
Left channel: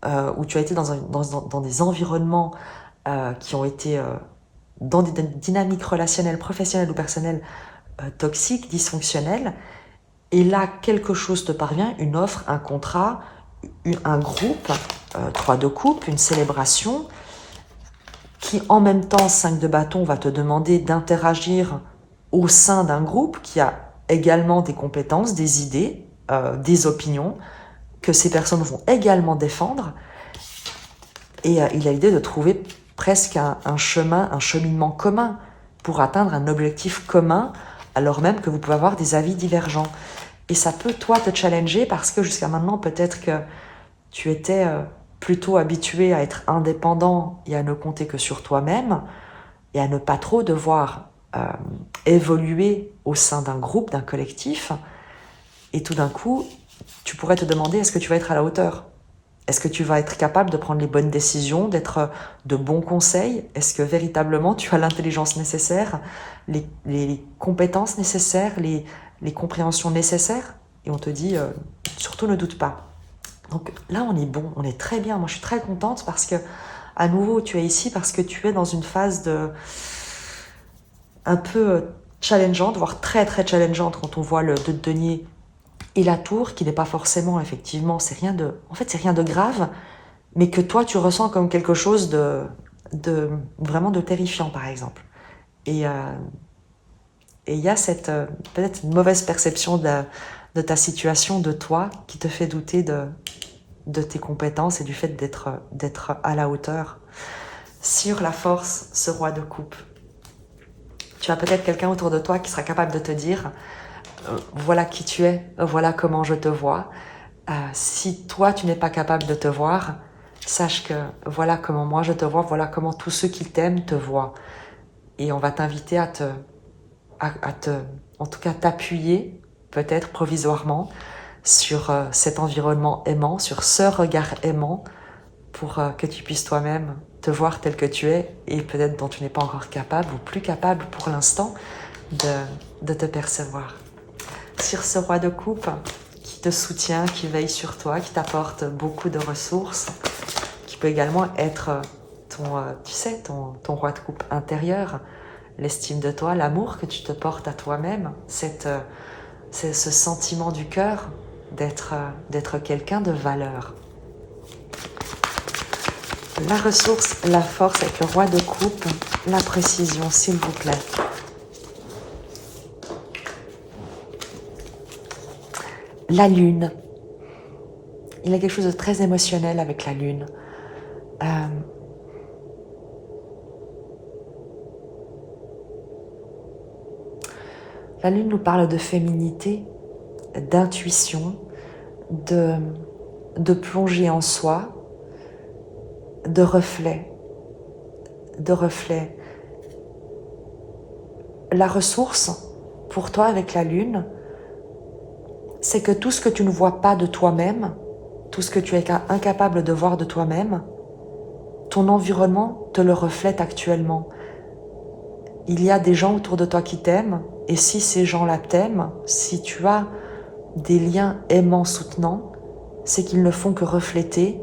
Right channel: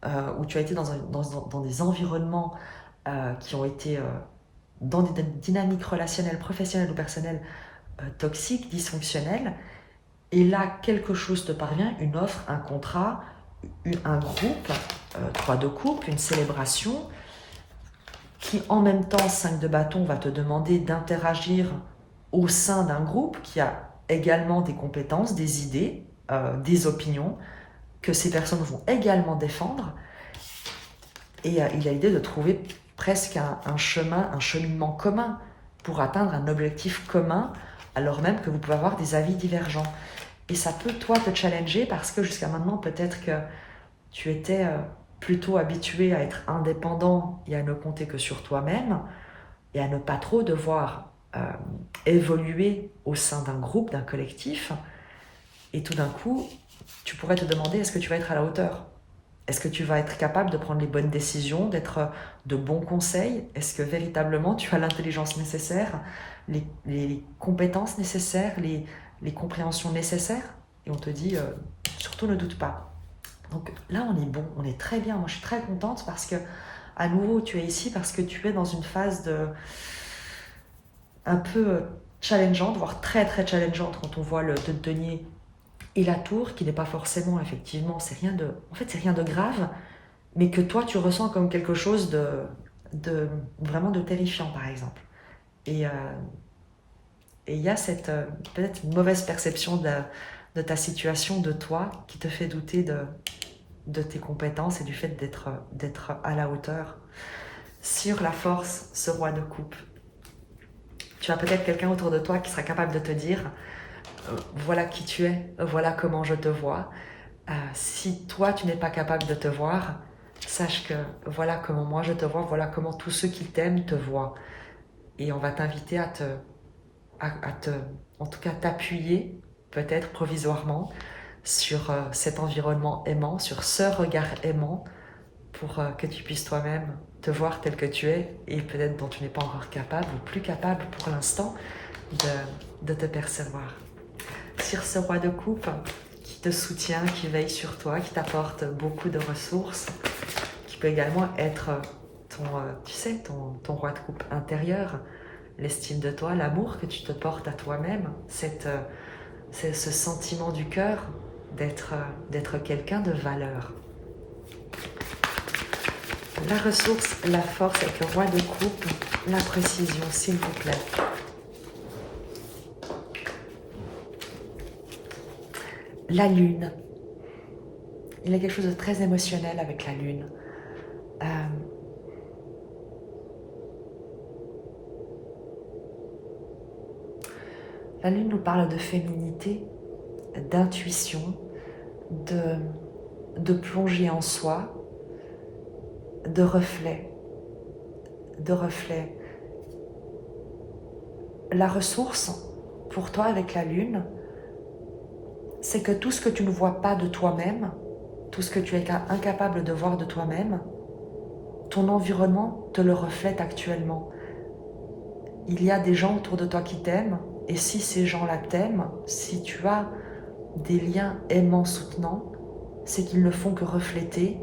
où tu as été dans des environnements qui ont été dans des dynamiques relationnelles, professionnelles ou personnelles toxiques, dysfonctionnelles, et là, quelque chose te parvient, une offre, un contrat, un groupe, 3 de coupe, une célébration, qui en même temps, 5 de bâton, va te demander d'interagir au sein d'un groupe qui a également des compétences, des idées, des opinions, que ces personnes vont également défendre. Et il a l'idée de trouver presque un chemin, un cheminement commun pour atteindre un objectif commun, alors même que vous pouvez avoir des avis divergents. Et ça peut, toi, te challenger parce que jusqu'à maintenant, peut-être que tu étais plutôt habitué à être indépendant et à ne compter que sur toi-même et à ne pas trop devoir évoluer au sein d'un groupe, d'un collectif. Et tout d'un coup, tu pourrais te demander, est-ce que tu vas être à la hauteur ? Est-ce que tu vas être capable de prendre les bonnes décisions, d'être de bons conseils? Est-ce que véritablement tu as l'intelligence nécessaire, les compétences nécessaires, les compréhensions nécessaires? Et on te dit, surtout ne doute pas. Donc là, on est bon, on est très bien. Moi, je suis très contente parce que, à nouveau, tu es ici parce que tu es dans une phase un peu challengeante, voire très très challengeante quand on voit le 2 de denier et la tour, qui n'est pas forcément, effectivement, c'est rien de grave, mais que toi, tu ressens comme quelque chose de vraiment de terrifiant, par exemple. Et il y a cette peut-être une mauvaise perception de ta situation, de toi, qui te fait douter de tes compétences et du fait d'être à la hauteur. Sur la force, ce roi de coupe, tu as peut-être quelqu'un autour de toi qui sera capable de te dire voilà qui tu es, voilà comment je te vois. Si toi, tu n'es pas capable de te voir, sache que voilà comment moi je te vois, voilà comment tous ceux qui t'aiment te voient. Et on va t'inviter à en tout cas t'appuyer, peut-être provisoirement, sur cet environnement aimant, sur ce regard aimant, pour que tu puisses toi-même te voir tel que tu es et peut-être dont tu n'es pas encore capable ou plus capable pour l'instant de te percevoir. Sur ce roi de coupe qui te soutient, qui veille sur toi, qui t'apporte beaucoup de ressources, qui peut également être ton roi de coupe intérieur, l'estime de toi, l'amour que tu te portes à toi-même, c'est ce sentiment du cœur d'être quelqu'un de valeur. La ressource, la force avec le roi de coupe, la précision, s'il vous plaît. La lune. Il y a quelque chose de très émotionnel avec la lune. La lune nous parle de féminité, d'intuition, de plonger en soi, de reflet. La ressource, pour toi avec la lune, c'est que tout ce que tu ne vois pas de toi-même, tout ce que tu es incapable de voir de toi-même, ton environnement te le reflète actuellement. Il y a des gens autour de toi qui t'aiment, et si ces gens-là t'aiment, si tu as des liens aimants soutenants, c'est qu'ils ne font que refléter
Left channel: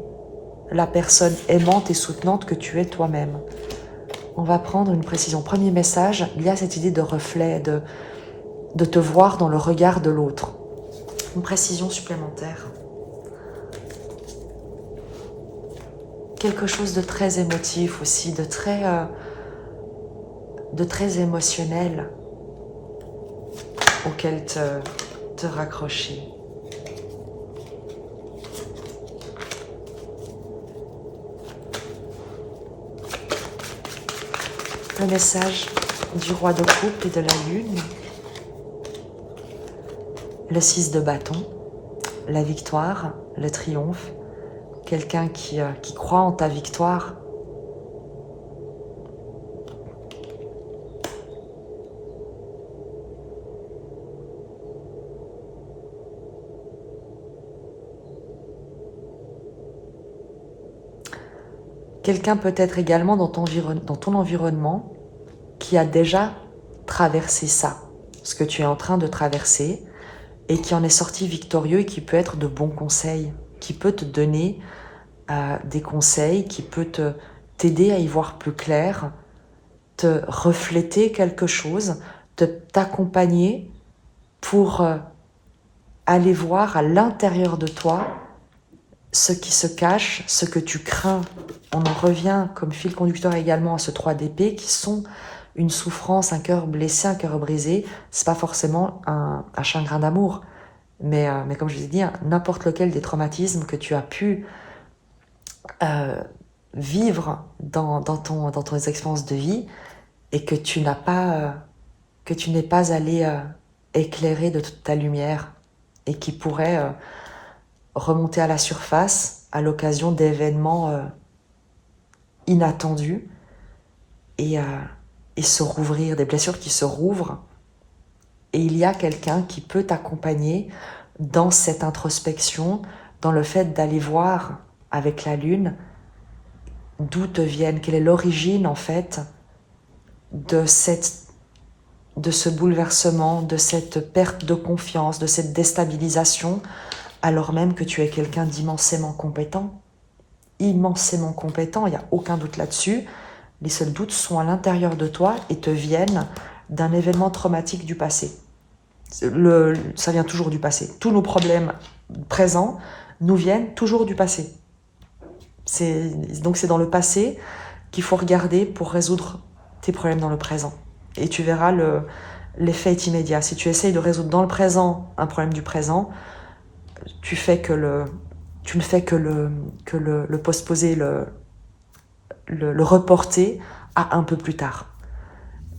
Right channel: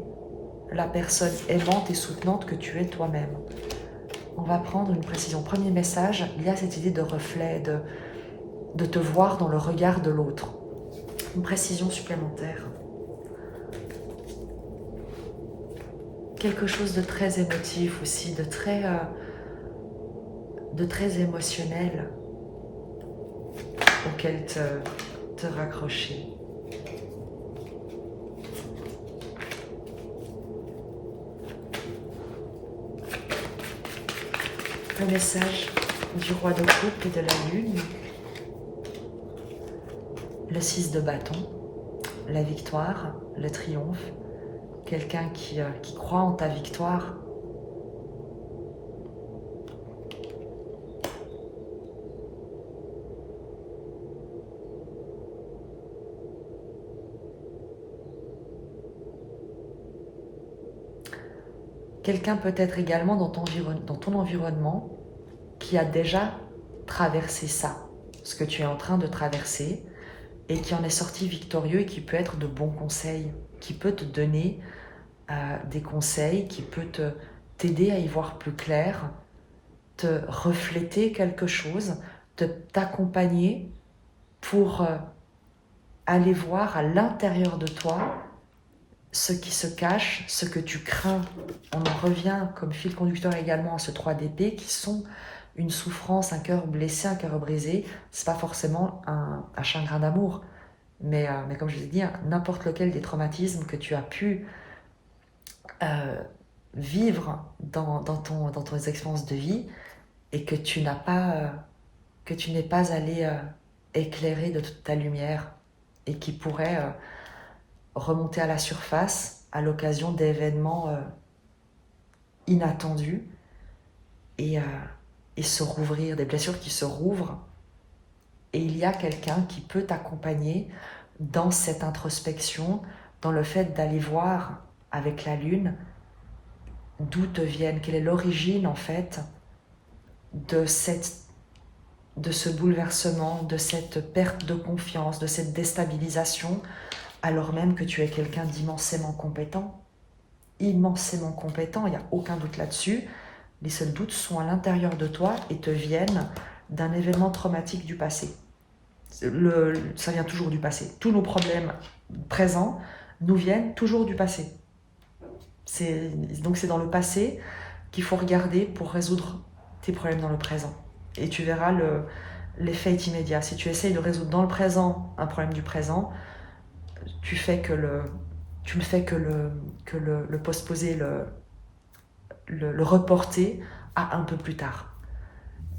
la personne aimante et soutenante que tu es toi-même. On va prendre une précision. Premier message, il y a cette idée de reflet, de te voir dans le regard de l'autre. Une précision supplémentaire. Quelque chose de très émotif aussi, de très émotionnel auquel te raccrocher. Le message du roi de coupe et de la lune. Le 6 de bâton, la victoire, le triomphe, quelqu'un qui croit en ta victoire. Quelqu'un peut-être également dans ton environnement qui a déjà traversé ça, ce que tu es en train de traverser, et qui en est sorti victorieux et qui peut être de bons conseils, qui peut te donner des conseils, qui peut t'aider à y voir plus clair, te refléter quelque chose, t'accompagner pour aller voir à l'intérieur de toi ce qui se cache, ce que tu crains. On en revient comme fil conducteur également à ce 3 d'épée qui sont une souffrance, un cœur blessé, un cœur brisé. C'est pas forcément un chagrin d'amour, mais comme je vous ai dit, n'importe lequel des traumatismes que tu as pu vivre dans ton expérience de vie et que tu n'es pas allé éclairer de toute ta lumière et qui pourrait remonter à la surface à l'occasion d'événements inattendus et se rouvrir, des blessures qui se rouvrent. Et il y a quelqu'un qui peut t'accompagner dans cette introspection, dans le fait d'aller voir avec la lune d'où te viennent, quelle est l'origine en fait de ce bouleversement, de cette perte de confiance, de cette déstabilisation, alors même que tu es quelqu'un d'immensément compétent. Immensément compétent, il n'y a aucun doute là-dessus. Les seuls doutes sont à l'intérieur de toi et te viennent d'un événement traumatique du passé. Ça vient toujours du passé. Tous nos problèmes présents nous viennent toujours du passé. Donc c'est dans le passé qu'il faut regarder pour résoudre tes problèmes dans le présent. Et tu verras l'effet est immédiat. Si tu essayes de résoudre dans le présent un problème du présent, tu ne fais que le postposer, le reporter à un peu plus tard.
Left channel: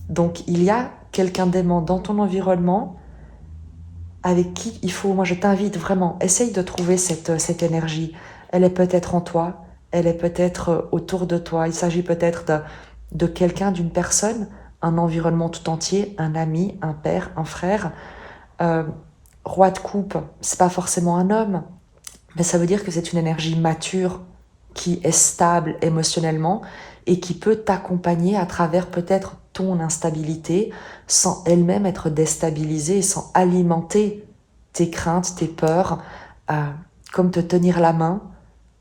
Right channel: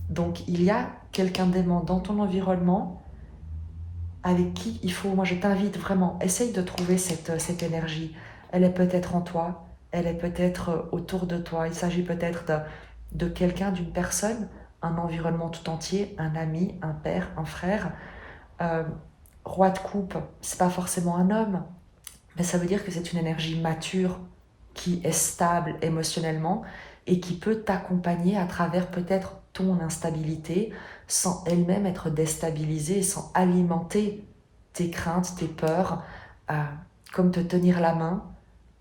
Donc il y a quelqu'un d'aimant dans ton environnement avec qui il faut, moi je t'invite vraiment, essaye de trouver cette énergie. Elle est peut-être en toi, elle est peut-être autour de toi. Il s'agit peut-être de quelqu'un, d'une personne, un environnement tout entier, un ami, un père, un frère. Roi de coupe, c'est pas forcément un homme, mais ça veut dire que c'est une énergie mature qui est stable émotionnellement et qui peut t'accompagner à travers peut-être ton instabilité sans elle-même être déstabilisée, sans alimenter tes craintes, tes peurs, comme te tenir la main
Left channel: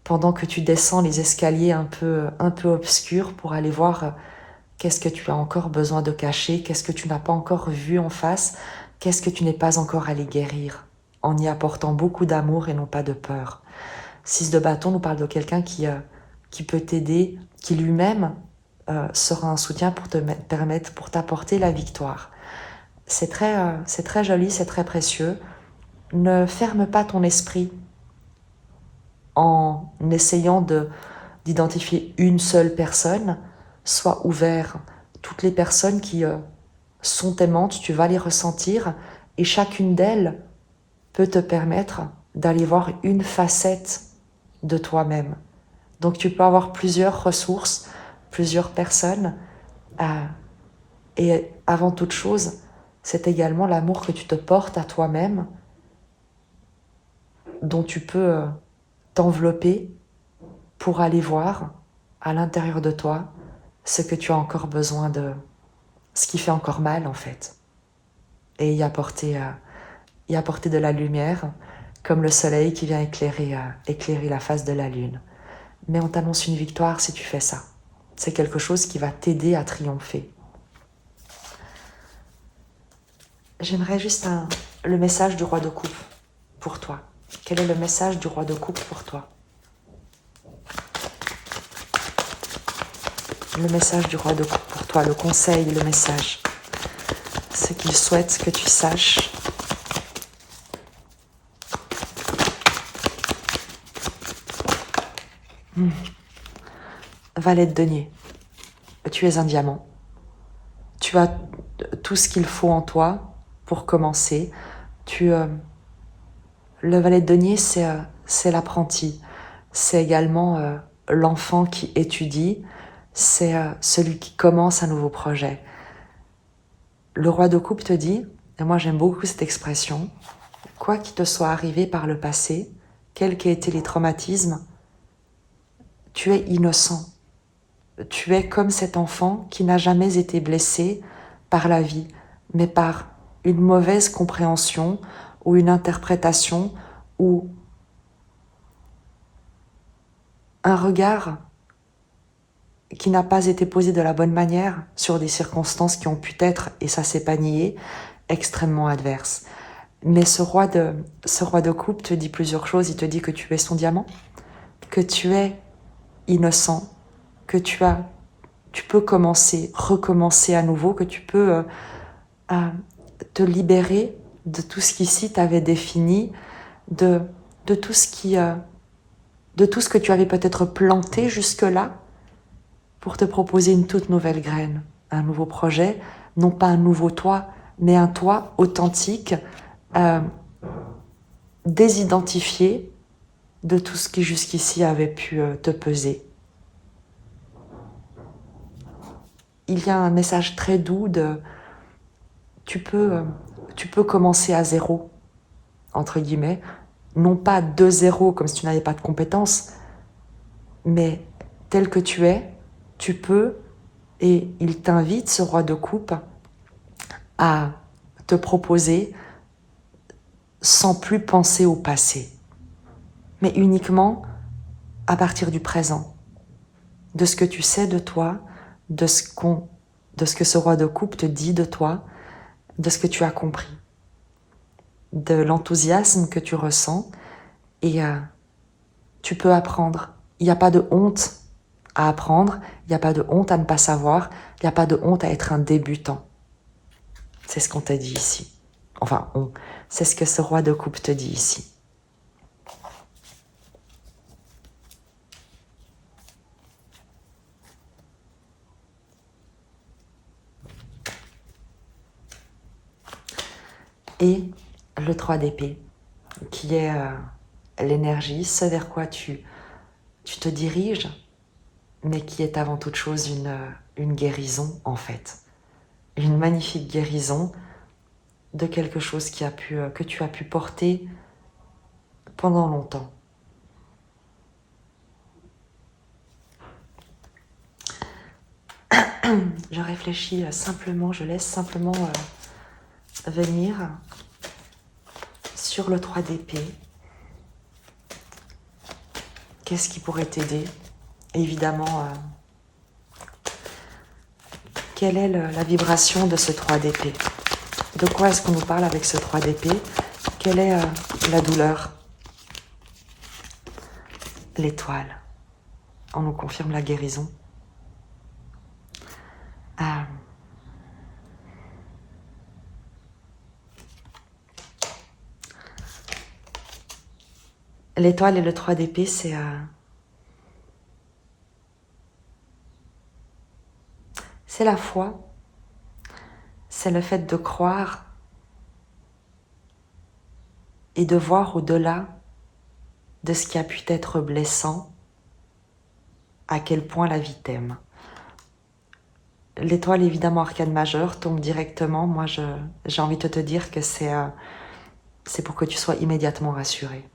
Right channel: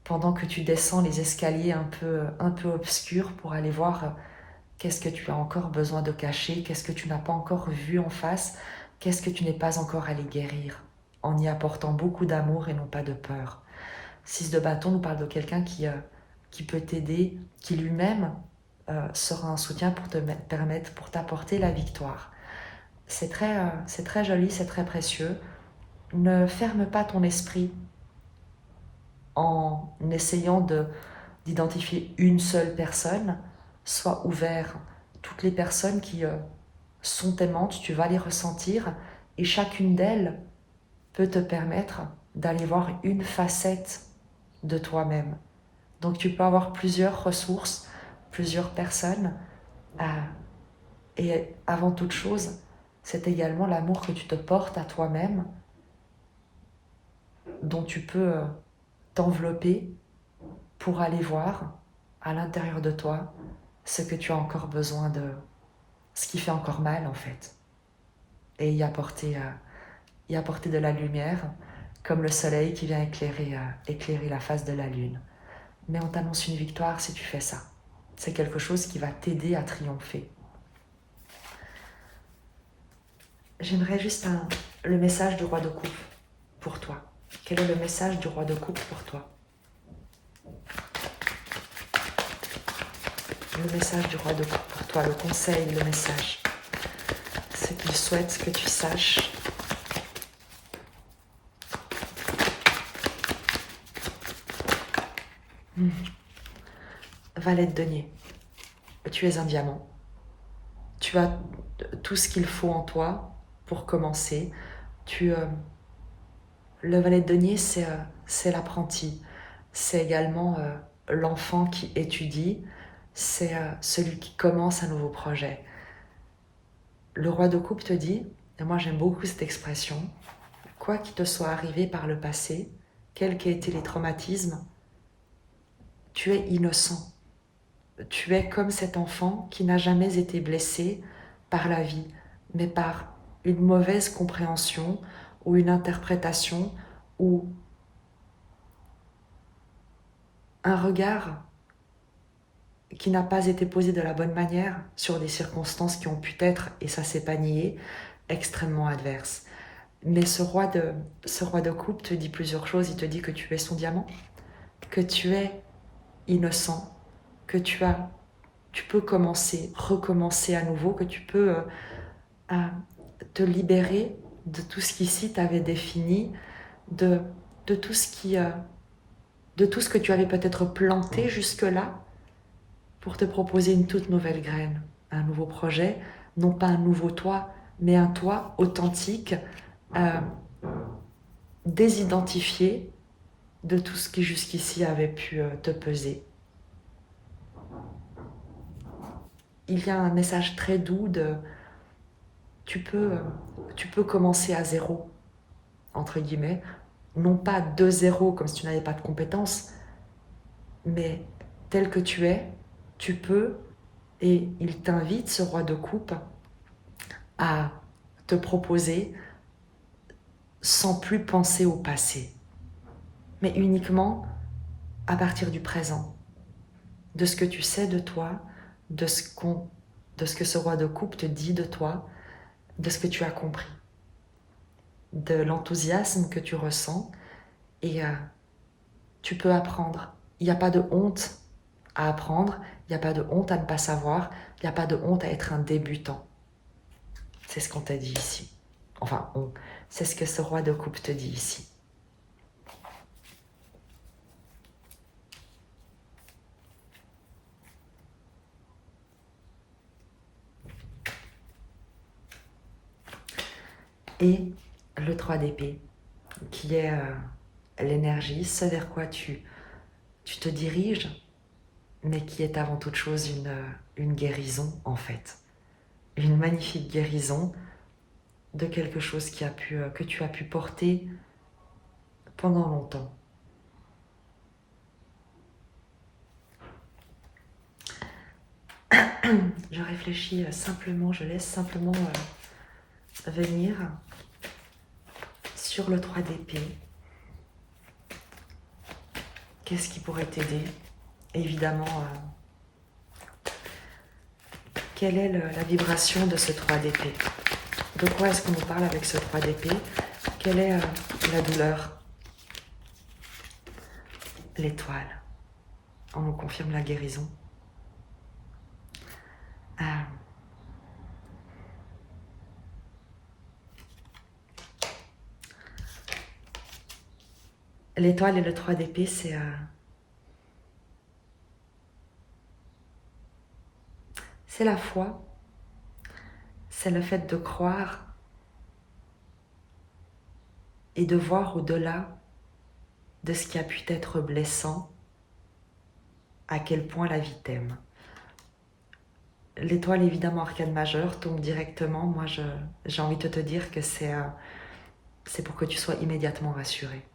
pendant que tu descends les escaliers un peu obscurs pour aller voir qu'est-ce que tu as encore besoin de cacher, qu'est-ce que tu n'as pas encore vu en face, qu'est-ce que tu n'es pas encore allé guérir, en y apportant beaucoup d'amour et non pas de peur. 6 de bâton nous parle de quelqu'un qui peut t'aider, qui lui-même sera un soutien pour te permettre, pour t'apporter la victoire. C'est très joli, c'est très précieux. Ne ferme pas ton esprit en essayant d'identifier une seule personne. Sois ouvert. Toutes les personnes qui sont aimantes, tu vas les ressentir et chacune d'elles peut te permettre d'aller voir une facette de toi-même. Donc tu peux avoir plusieurs ressources, plusieurs personnes. Et avant toute chose, c'est également l'amour que tu te portes à toi-même, dont tu peux t'envelopper pour aller voir à l'intérieur de toi ce que tu as encore besoin de, ce qui fait encore mal en fait, et y apporter de la lumière, comme le soleil qui vient éclairer la face de la lune. Mais on t'annonce une victoire si tu fais ça. C'est quelque chose qui va t'aider à triompher. J'aimerais juste le message du roi de coupe pour toi. Quel est le message du roi de coupe pour toi? Le message du roi de coupe pour toi, le conseil, le message. Ce qu'il souhaite que tu saches. Valet de denier. Tu es un diamant. Tu as tout ce qu'il faut en toi pour commencer. Le valet de denier, c'est l'apprenti. C'est également l'enfant qui étudie. C'est celui qui commence un nouveau projet. Le roi de coupe te dit, et moi j'aime beaucoup cette expression, quoi qu'il te soit arrivé par le passé, quels qu'aient été les traumatismes, tu es innocent. Tu es comme cet enfant qui n'a jamais été blessé par la vie, mais par une mauvaise compréhension ou une interprétation ou un regard qui n'a pas été posé de la bonne manière sur des circonstances qui ont pu être, et ça s'est pas nié, extrêmement adverses. Mais ce roi de coupe te dit plusieurs choses. Il te dit que tu es son diamant, que tu es innocent, que tu peux recommencer à nouveau, que tu peux te libérer de tout ce qu'ici t'avait défini, de tout ce que tu avais peut-être planté jusque-là pour te proposer une toute nouvelle graine, un nouveau projet, non pas un nouveau toi, mais un toi authentique, désidentifié de tout ce qui jusqu'ici avait pu te peser. Il y a un message très doux de tu peux commencer à zéro, entre guillemets, non pas de zéro comme si tu n'avais pas de compétences, mais tel que tu es, tu peux, et il t'invite, ce roi de coupe, à te proposer sans plus penser au passé, mais uniquement à partir du présent, de ce que tu sais de toi, de ce que ce roi de coupe te dit de toi, de ce que tu as compris, de l'enthousiasme que tu ressens, et tu peux apprendre. Il n'y a pas de honte à apprendre, il n'y a pas de honte à ne pas savoir, il n'y a pas de honte à être un débutant. C'est ce qu'on t'a dit ici. Enfin, c'est ce que ce roi de coupe te dit ici. Et le 3 d'épée, qui est l'énergie, ce vers quoi tu te diriges, mais qui est avant toute chose une guérison en fait. Une magnifique guérison de quelque chose que tu as pu porter pendant longtemps. Je réfléchis simplement, je laisse simplement venir sur le 3 d'épée. Qu'est-ce qui pourrait t'aider? Évidemment, quelle est la vibration de ce 3 d'épée? De quoi est-ce qu'on nous parle avec ce 3 d'épée? Quelle est la douleur? L'étoile. On nous confirme la guérison. L'étoile et le 3 d'épée, c'est la foi, c'est le fait de croire et de voir au-delà de ce qui a pu être blessant, à quel point la vie t'aime. L'étoile, évidemment, arcane majeure, tombe directement. Moi, j'ai envie de te dire que c'est pour que tu sois immédiatement rassuré.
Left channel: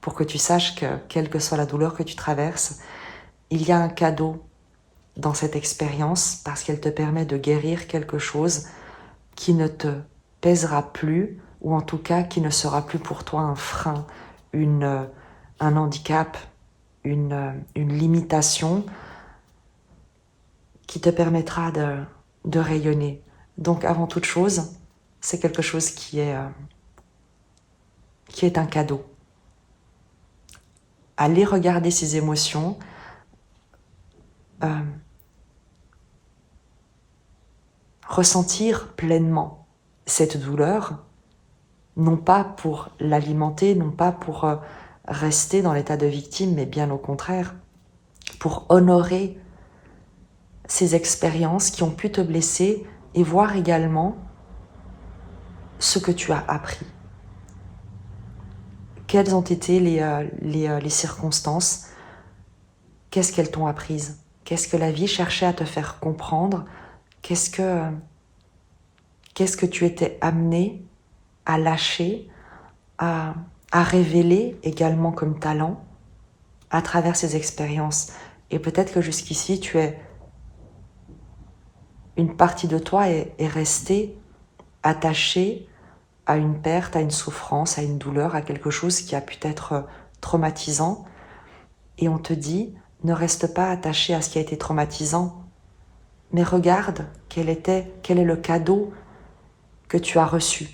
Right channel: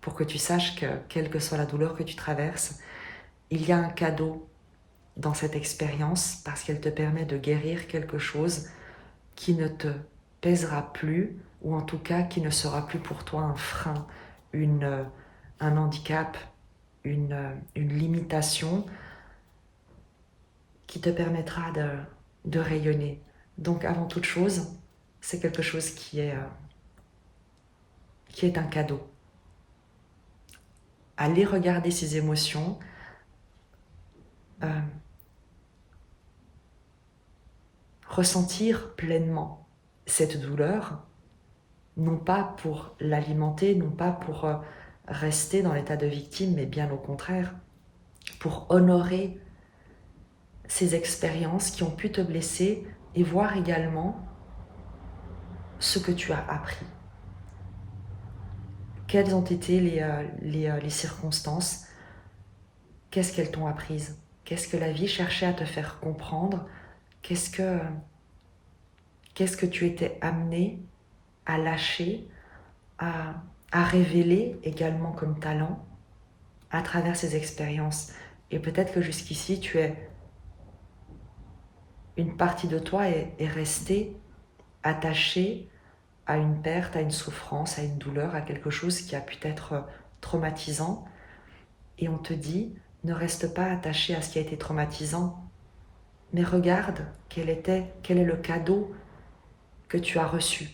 Pour que tu saches que, quelle que soit la douleur que tu traverses, il y a un cadeau dans cette expérience parce qu'elle te permet de guérir quelque chose qui ne te pèsera plus, ou en tout cas qui ne sera plus pour toi un frein, un handicap, une limitation qui te permettra de rayonner. Donc avant toute chose, c'est quelque chose qui est un cadeau. Aller regarder ses émotions, ressentir pleinement cette douleur, non pas pour l'alimenter, non pas pour rester dans l'état de victime, mais bien au contraire, pour honorer ces expériences qui ont pu te blesser et voir également ce que tu as appris. Quelles ont été les circonstances? Qu'est-ce qu'elles t'ont apprises? Qu'est-ce que la vie cherchait à te faire comprendre? Qu'est-ce que tu étais amené à lâcher, à révéler également comme talent à travers ces expériences? Et peut-être que jusqu'ici, une partie de toi est restée attachée à une perte, à une souffrance, à une douleur, à quelque chose qui a pu être traumatisant. Et on te dit, Ne reste pas attaché à ce qui a été traumatisant, mais regarde quel est le cadeau que tu as reçu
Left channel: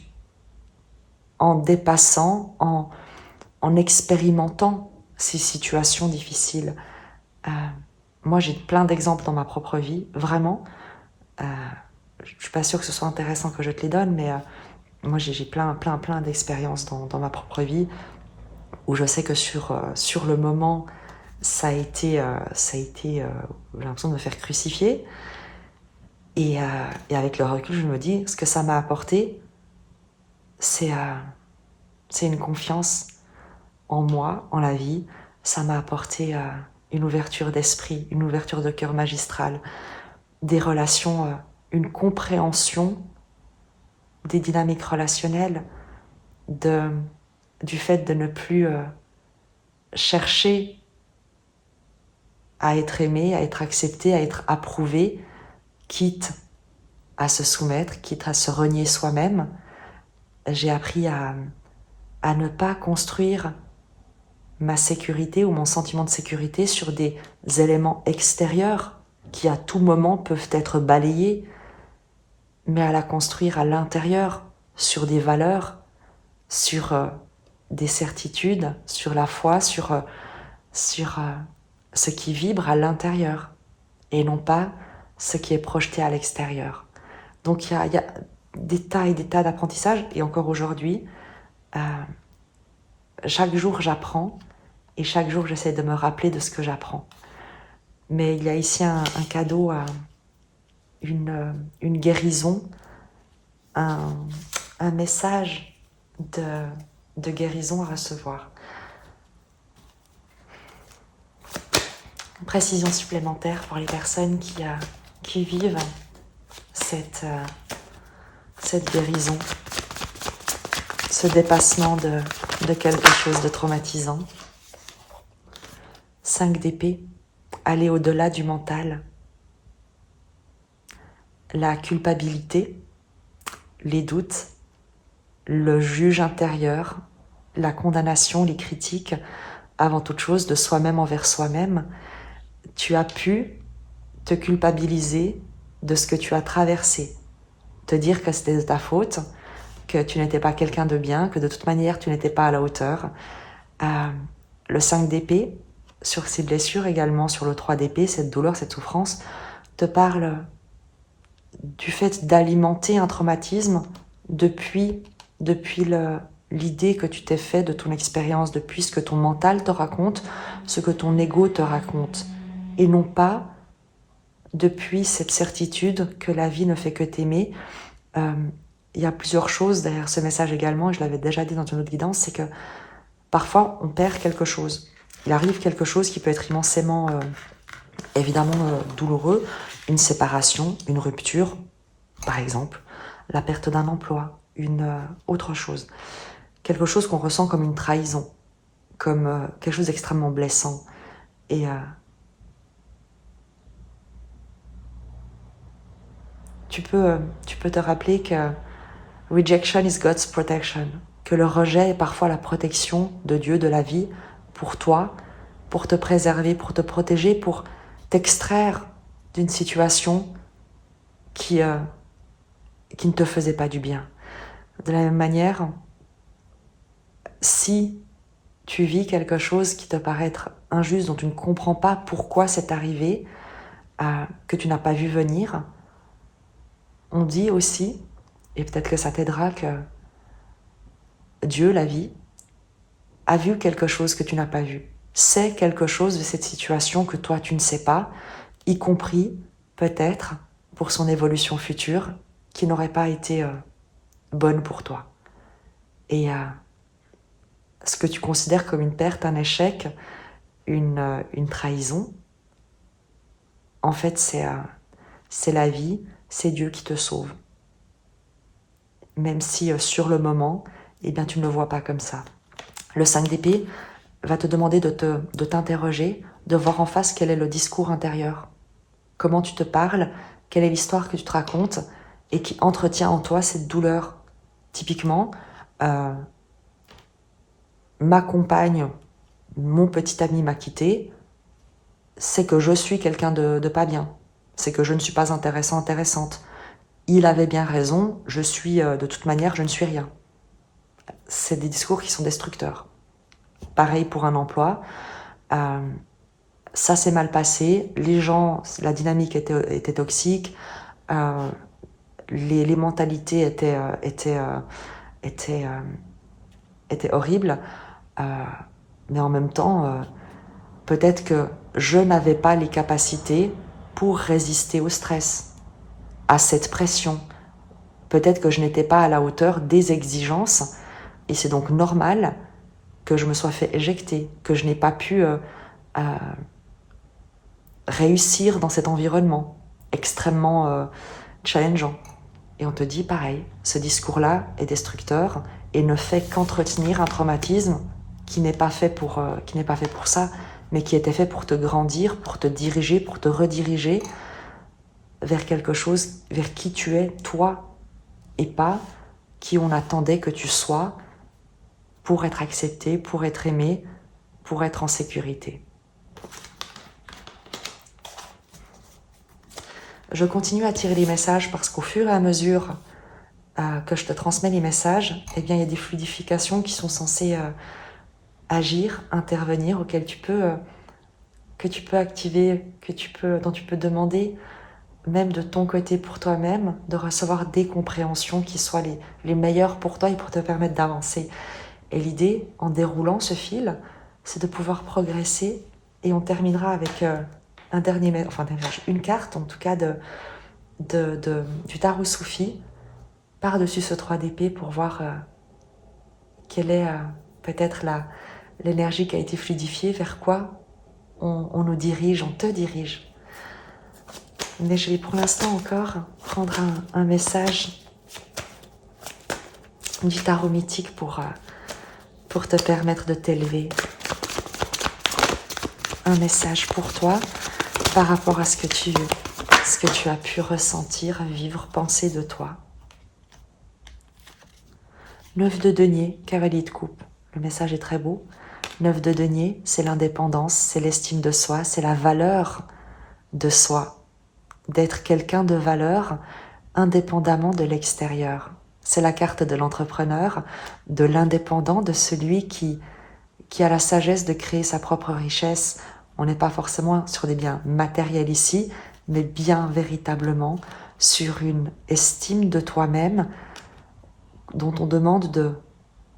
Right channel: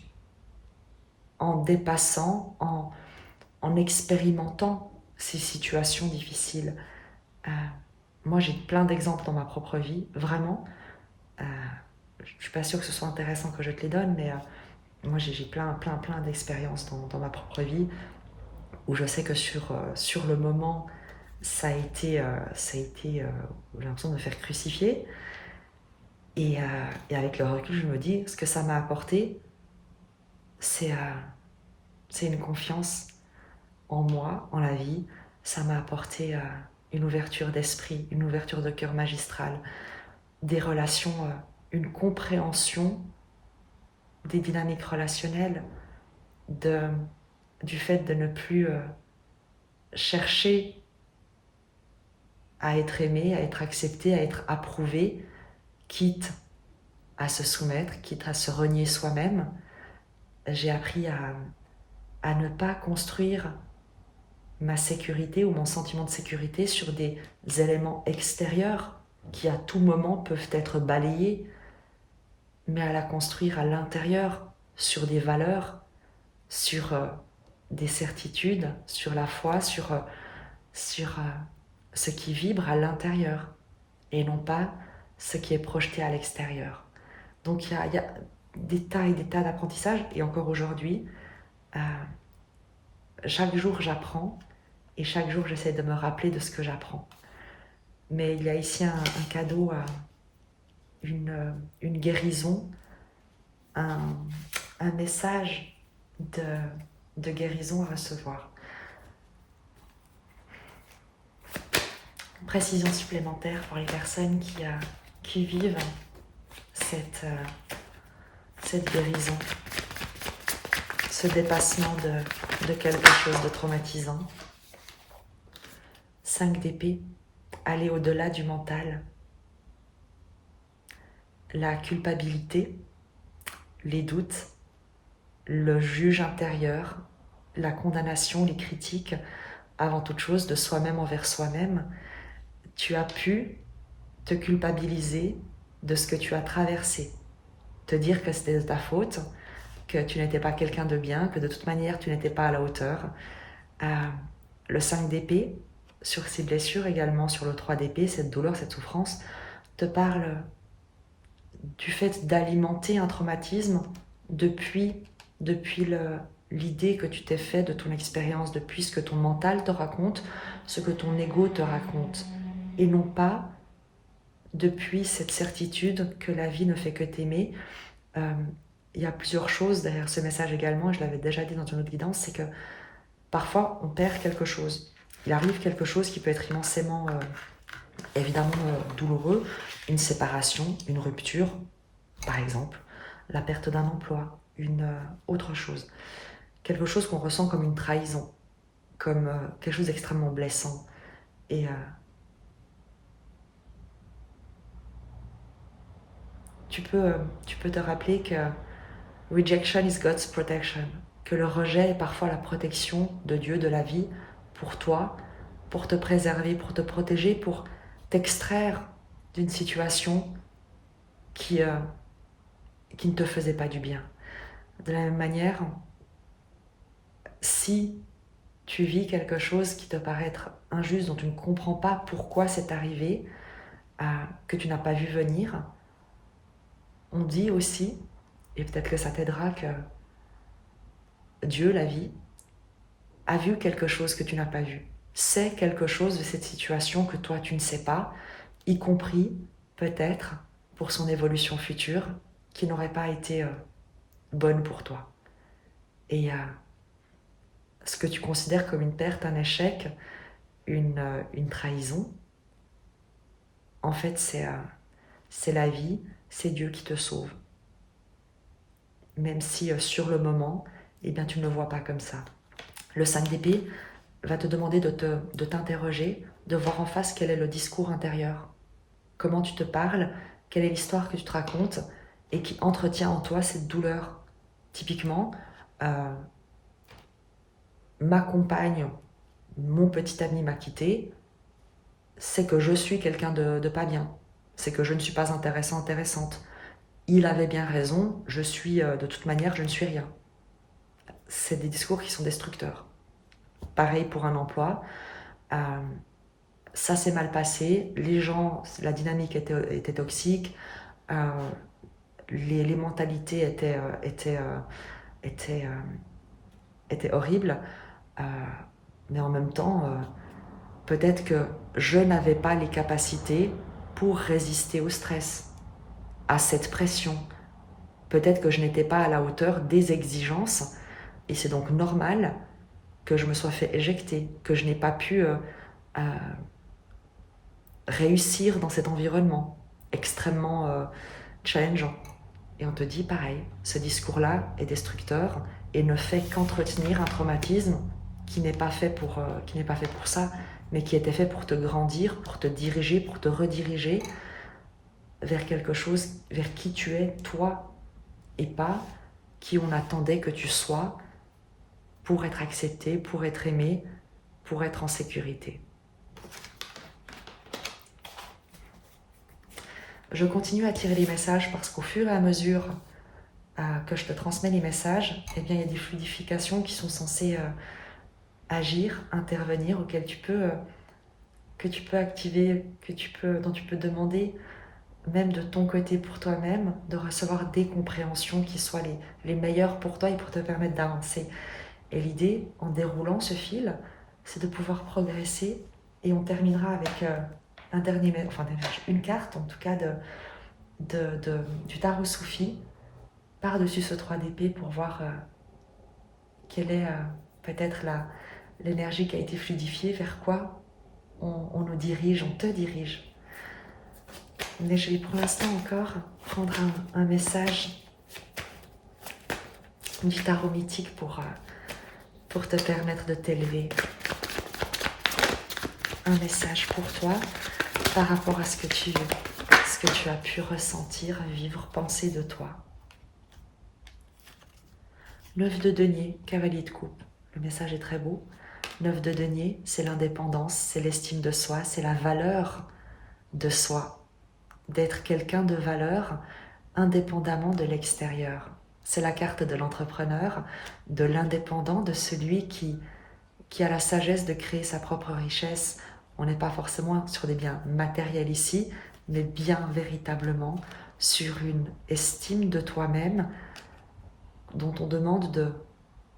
en dépassant, en expérimentant ces situations difficiles. Moi, j'ai plein d'exemples dans ma propre vie, vraiment. Je ne suis pas sûre que ce soit intéressant que je te les donne, mais moi, j'ai plein d'expériences dans ma propre vie où je sais que sur le moment, ça a été j'ai l'impression de me faire crucifier. Et avec le recul, je me dis, ce que ça m'a apporté, c'est une confiance en moi, en la vie. Ça m'a apporté une ouverture d'esprit, une ouverture de cœur magistrale, des relations, une compréhension des dynamiques relationnelles, du fait de ne plus chercher à être aimé, à être accepté, à être approuvé, quitte à se soumettre, quitte à se renier soi-même. J'ai appris à ne pas construire ma sécurité ou mon sentiment de sécurité sur des éléments extérieurs qui à tout moment peuvent être balayés, mais à la construire à l'intérieur, sur des valeurs, sur des certitudes, sur la foi, sur ce qui vibre à l'intérieur et non pas ce qui est projeté à l'extérieur. Donc il y a des tas et des tas d'apprentissages, et encore aujourd'hui, chaque jour j'apprends, et chaque jour j'essaie de me rappeler de ce que j'apprends. Mais il y a ici un cadeau, une guérison, un message de guérison à recevoir. Une précision supplémentaire pour les personnes qui vivent cette guérison, ce dépassement de quelque chose de traumatisant. 5 d'épée, aller au-delà du mental. La culpabilité, les doutes, le juge intérieur, la condamnation, les critiques, avant toute chose de soi-même envers soi-même. Tu as pu te culpabiliser de ce que tu as traversé, te dire que c'était de ta faute, que tu n'étais pas quelqu'un de bien, que de toute manière tu n'étais pas à la hauteur. Le 5 d'épée, sur ces blessures également, sur le 3 d'épée, cette douleur, cette souffrance, te parle du fait d'alimenter un traumatisme depuis l'idée que tu t'es fait de ton expérience, depuis ce que ton mental te raconte, ce que ton ego te raconte, et non pas depuis cette certitude que la vie ne fait que t'aimer. Il y a plusieurs choses derrière ce message également, et je l'avais déjà dit dans une autre guidance, c'est que parfois on perd quelque chose. Il arrive quelque chose qui peut être immensément, évidemment douloureux, une séparation, une rupture, par exemple, la perte d'un emploi, une autre chose. Quelque chose qu'on ressent comme une trahison, comme quelque chose d'extrêmement blessant. Et tu peux te rappeler que rejection is God's protection, que le rejet est parfois la protection de Dieu, de la vie, pour toi, pour te préserver, pour te protéger, pour t'extraire d'une situation qui ne te faisait pas du bien. De la même manière, si tu vis quelque chose qui te paraît être injuste, dont tu ne comprends pas pourquoi c'est arrivé, que tu n'as pas vu venir, on dit aussi, et peut-être que ça t'aidera, que Dieu, la vie, a vu quelque chose que tu n'as pas vu, sait quelque chose de cette situation que toi tu ne sais pas, y compris peut-être pour son évolution future qui n'aurait pas été bonne pour toi. Et ce que tu considères comme une perte, un échec, une trahison, en fait c'est la vie, c'est Dieu qui te sauve. Même si sur le moment, eh bien, tu ne le vois pas comme ça. Le 5 d'épée va te demander de t'interroger, de voir en face quel est le discours intérieur. Comment tu te parles, quelle est l'histoire que tu te racontes et qui entretient en toi cette douleur. Typiquement, ma compagne, mon petit ami m'a quitté, c'est que je suis quelqu'un de pas bien. C'est que je ne suis pas intéressant, intéressante. Il avait bien raison, je suis, de toute manière, je ne suis rien. C'est des discours qui sont destructeurs. Pareil pour un emploi. Ça s'est mal passé, les gens, la dynamique était toxique, les mentalités étaient horribles, mais en même temps, peut-être que je n'avais pas les capacités pour résister au stress, à cette pression. Peut-être que je n'étais pas à la hauteur des exigences, et c'est donc normal que je me sois fait éjecter, que je n'ai pas pu réussir dans cet environnement extrêmement challengeant. Et on te dit pareil, ce discours-là est destructeur et ne fait qu'entretenir un traumatisme qui n'est pas fait pour ça, mais qui était fait pour te grandir, pour te diriger, pour te rediriger vers quelque chose, vers qui tu es, toi, et pas qui on attendait que tu sois pour être accepté, pour être aimé, pour être en sécurité. Je continue à tirer les messages parce qu'au fur et à mesure que je te transmets les messages, eh bien, il y a des fluidifications qui sont censées agir, intervenir, auxquelles que tu peux activer, dont tu peux demander, même de ton côté pour toi-même, de recevoir des compréhensions qui soient les meilleures pour toi et pour te permettre d'avancer. Et l'idée, en déroulant ce fil, c'est de pouvoir progresser, et on terminera avec une carte, en tout cas, du tarot Soufi, par-dessus ce 3 d'épée pour voir quelle est peut-être l'énergie qui a été fluidifiée, vers quoi on nous dirige, on te dirige. Mais je vais pour l'instant encore prendre un message du tarot mythique pour te permettre de t'élever. Un message pour toi par rapport à ce que tu as pu ressentir, vivre, penser de toi. 9 de denier, cavalier de coupe. Le message est très beau. 9 de denier, c'est l'indépendance, c'est l'estime de soi, c'est la valeur de soi. D'être quelqu'un de valeur indépendamment de l'extérieur. C'est la carte de l'entrepreneur, de l'indépendant, de celui qui a la sagesse de créer sa propre richesse. On n'est pas forcément sur des biens matériels ici, mais bien véritablement sur une estime de toi-même dont on demande de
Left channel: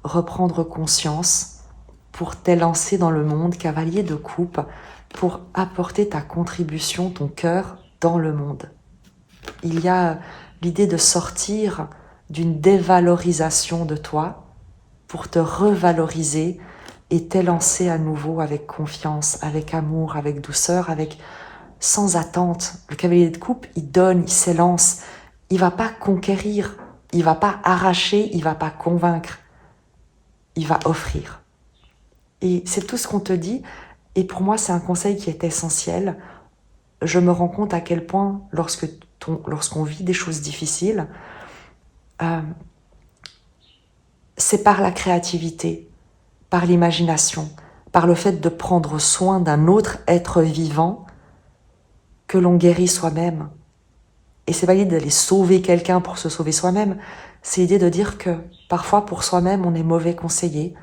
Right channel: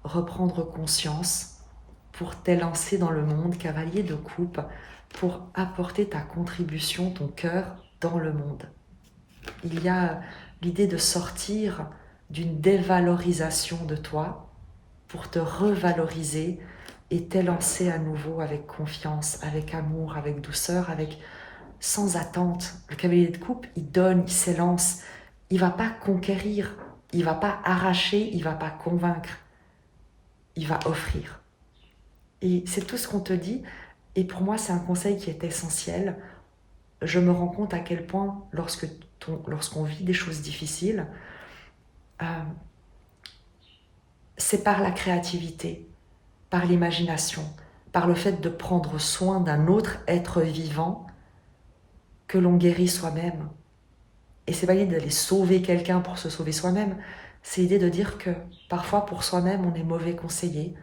reprendre conscience pour t'élancer dans le monde, cavalier de coupe, pour apporter ta contribution, ton cœur dans le monde. Il y a l'idée de sortir d'une dévalorisation de toi pour te revaloriser et t'élancer à nouveau avec confiance, avec amour, avec douceur, sans attente. Le cavalier de coupe, il donne, il s'élance. Il ne va pas conquérir, il ne va pas arracher, il ne va pas convaincre. Il va offrir. Et c'est tout ce qu'on te dit. Et pour moi, c'est un conseil qui est essentiel. Je me rends compte à quel point, lorsqu'on vit des choses difficiles, c'est par la créativité, par l'imagination, par le fait de prendre soin d'un autre être vivant que l'on guérit soi-même. Et c'est pas l'idée d'aller sauver quelqu'un pour se sauver soi-même, c'est l'idée de dire que parfois pour soi-même on est mauvais conseiller,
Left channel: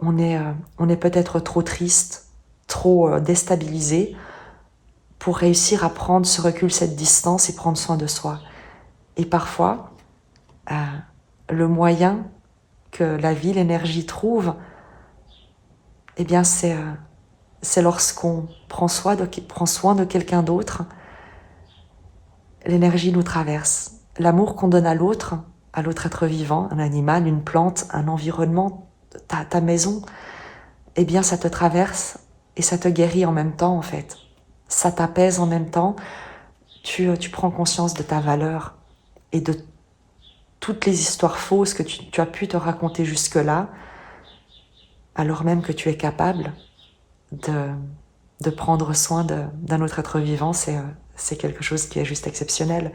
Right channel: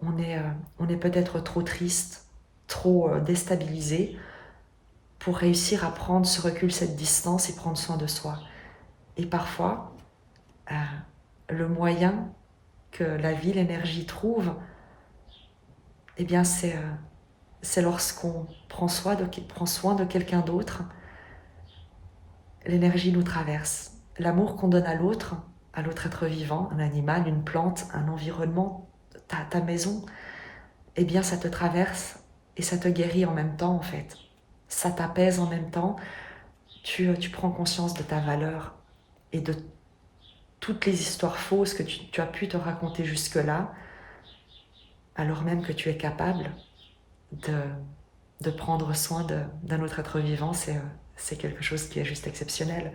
on est peut-être trop triste, trop déstabilisé pour réussir à prendre ce recul, cette distance et prendre soin de soi. Et parfois, le moyen que la vie, l'énergie trouve, eh bien c'est lorsqu'on prend soin de quelqu'un d'autre, l'énergie nous traverse. L'amour qu'on donne à l'autre être vivant, un animal, une plante, un environnement, ta maison, eh bien ça te traverse et ça te guérit en même temps en fait. Ça t'apaise en même temps, tu prends conscience de ta valeur et de toutes les histoires fausses que tu as pu te raconter jusque-là, alors même que tu es capable de prendre soin d'un autre être vivant, c'est quelque chose qui est juste exceptionnel.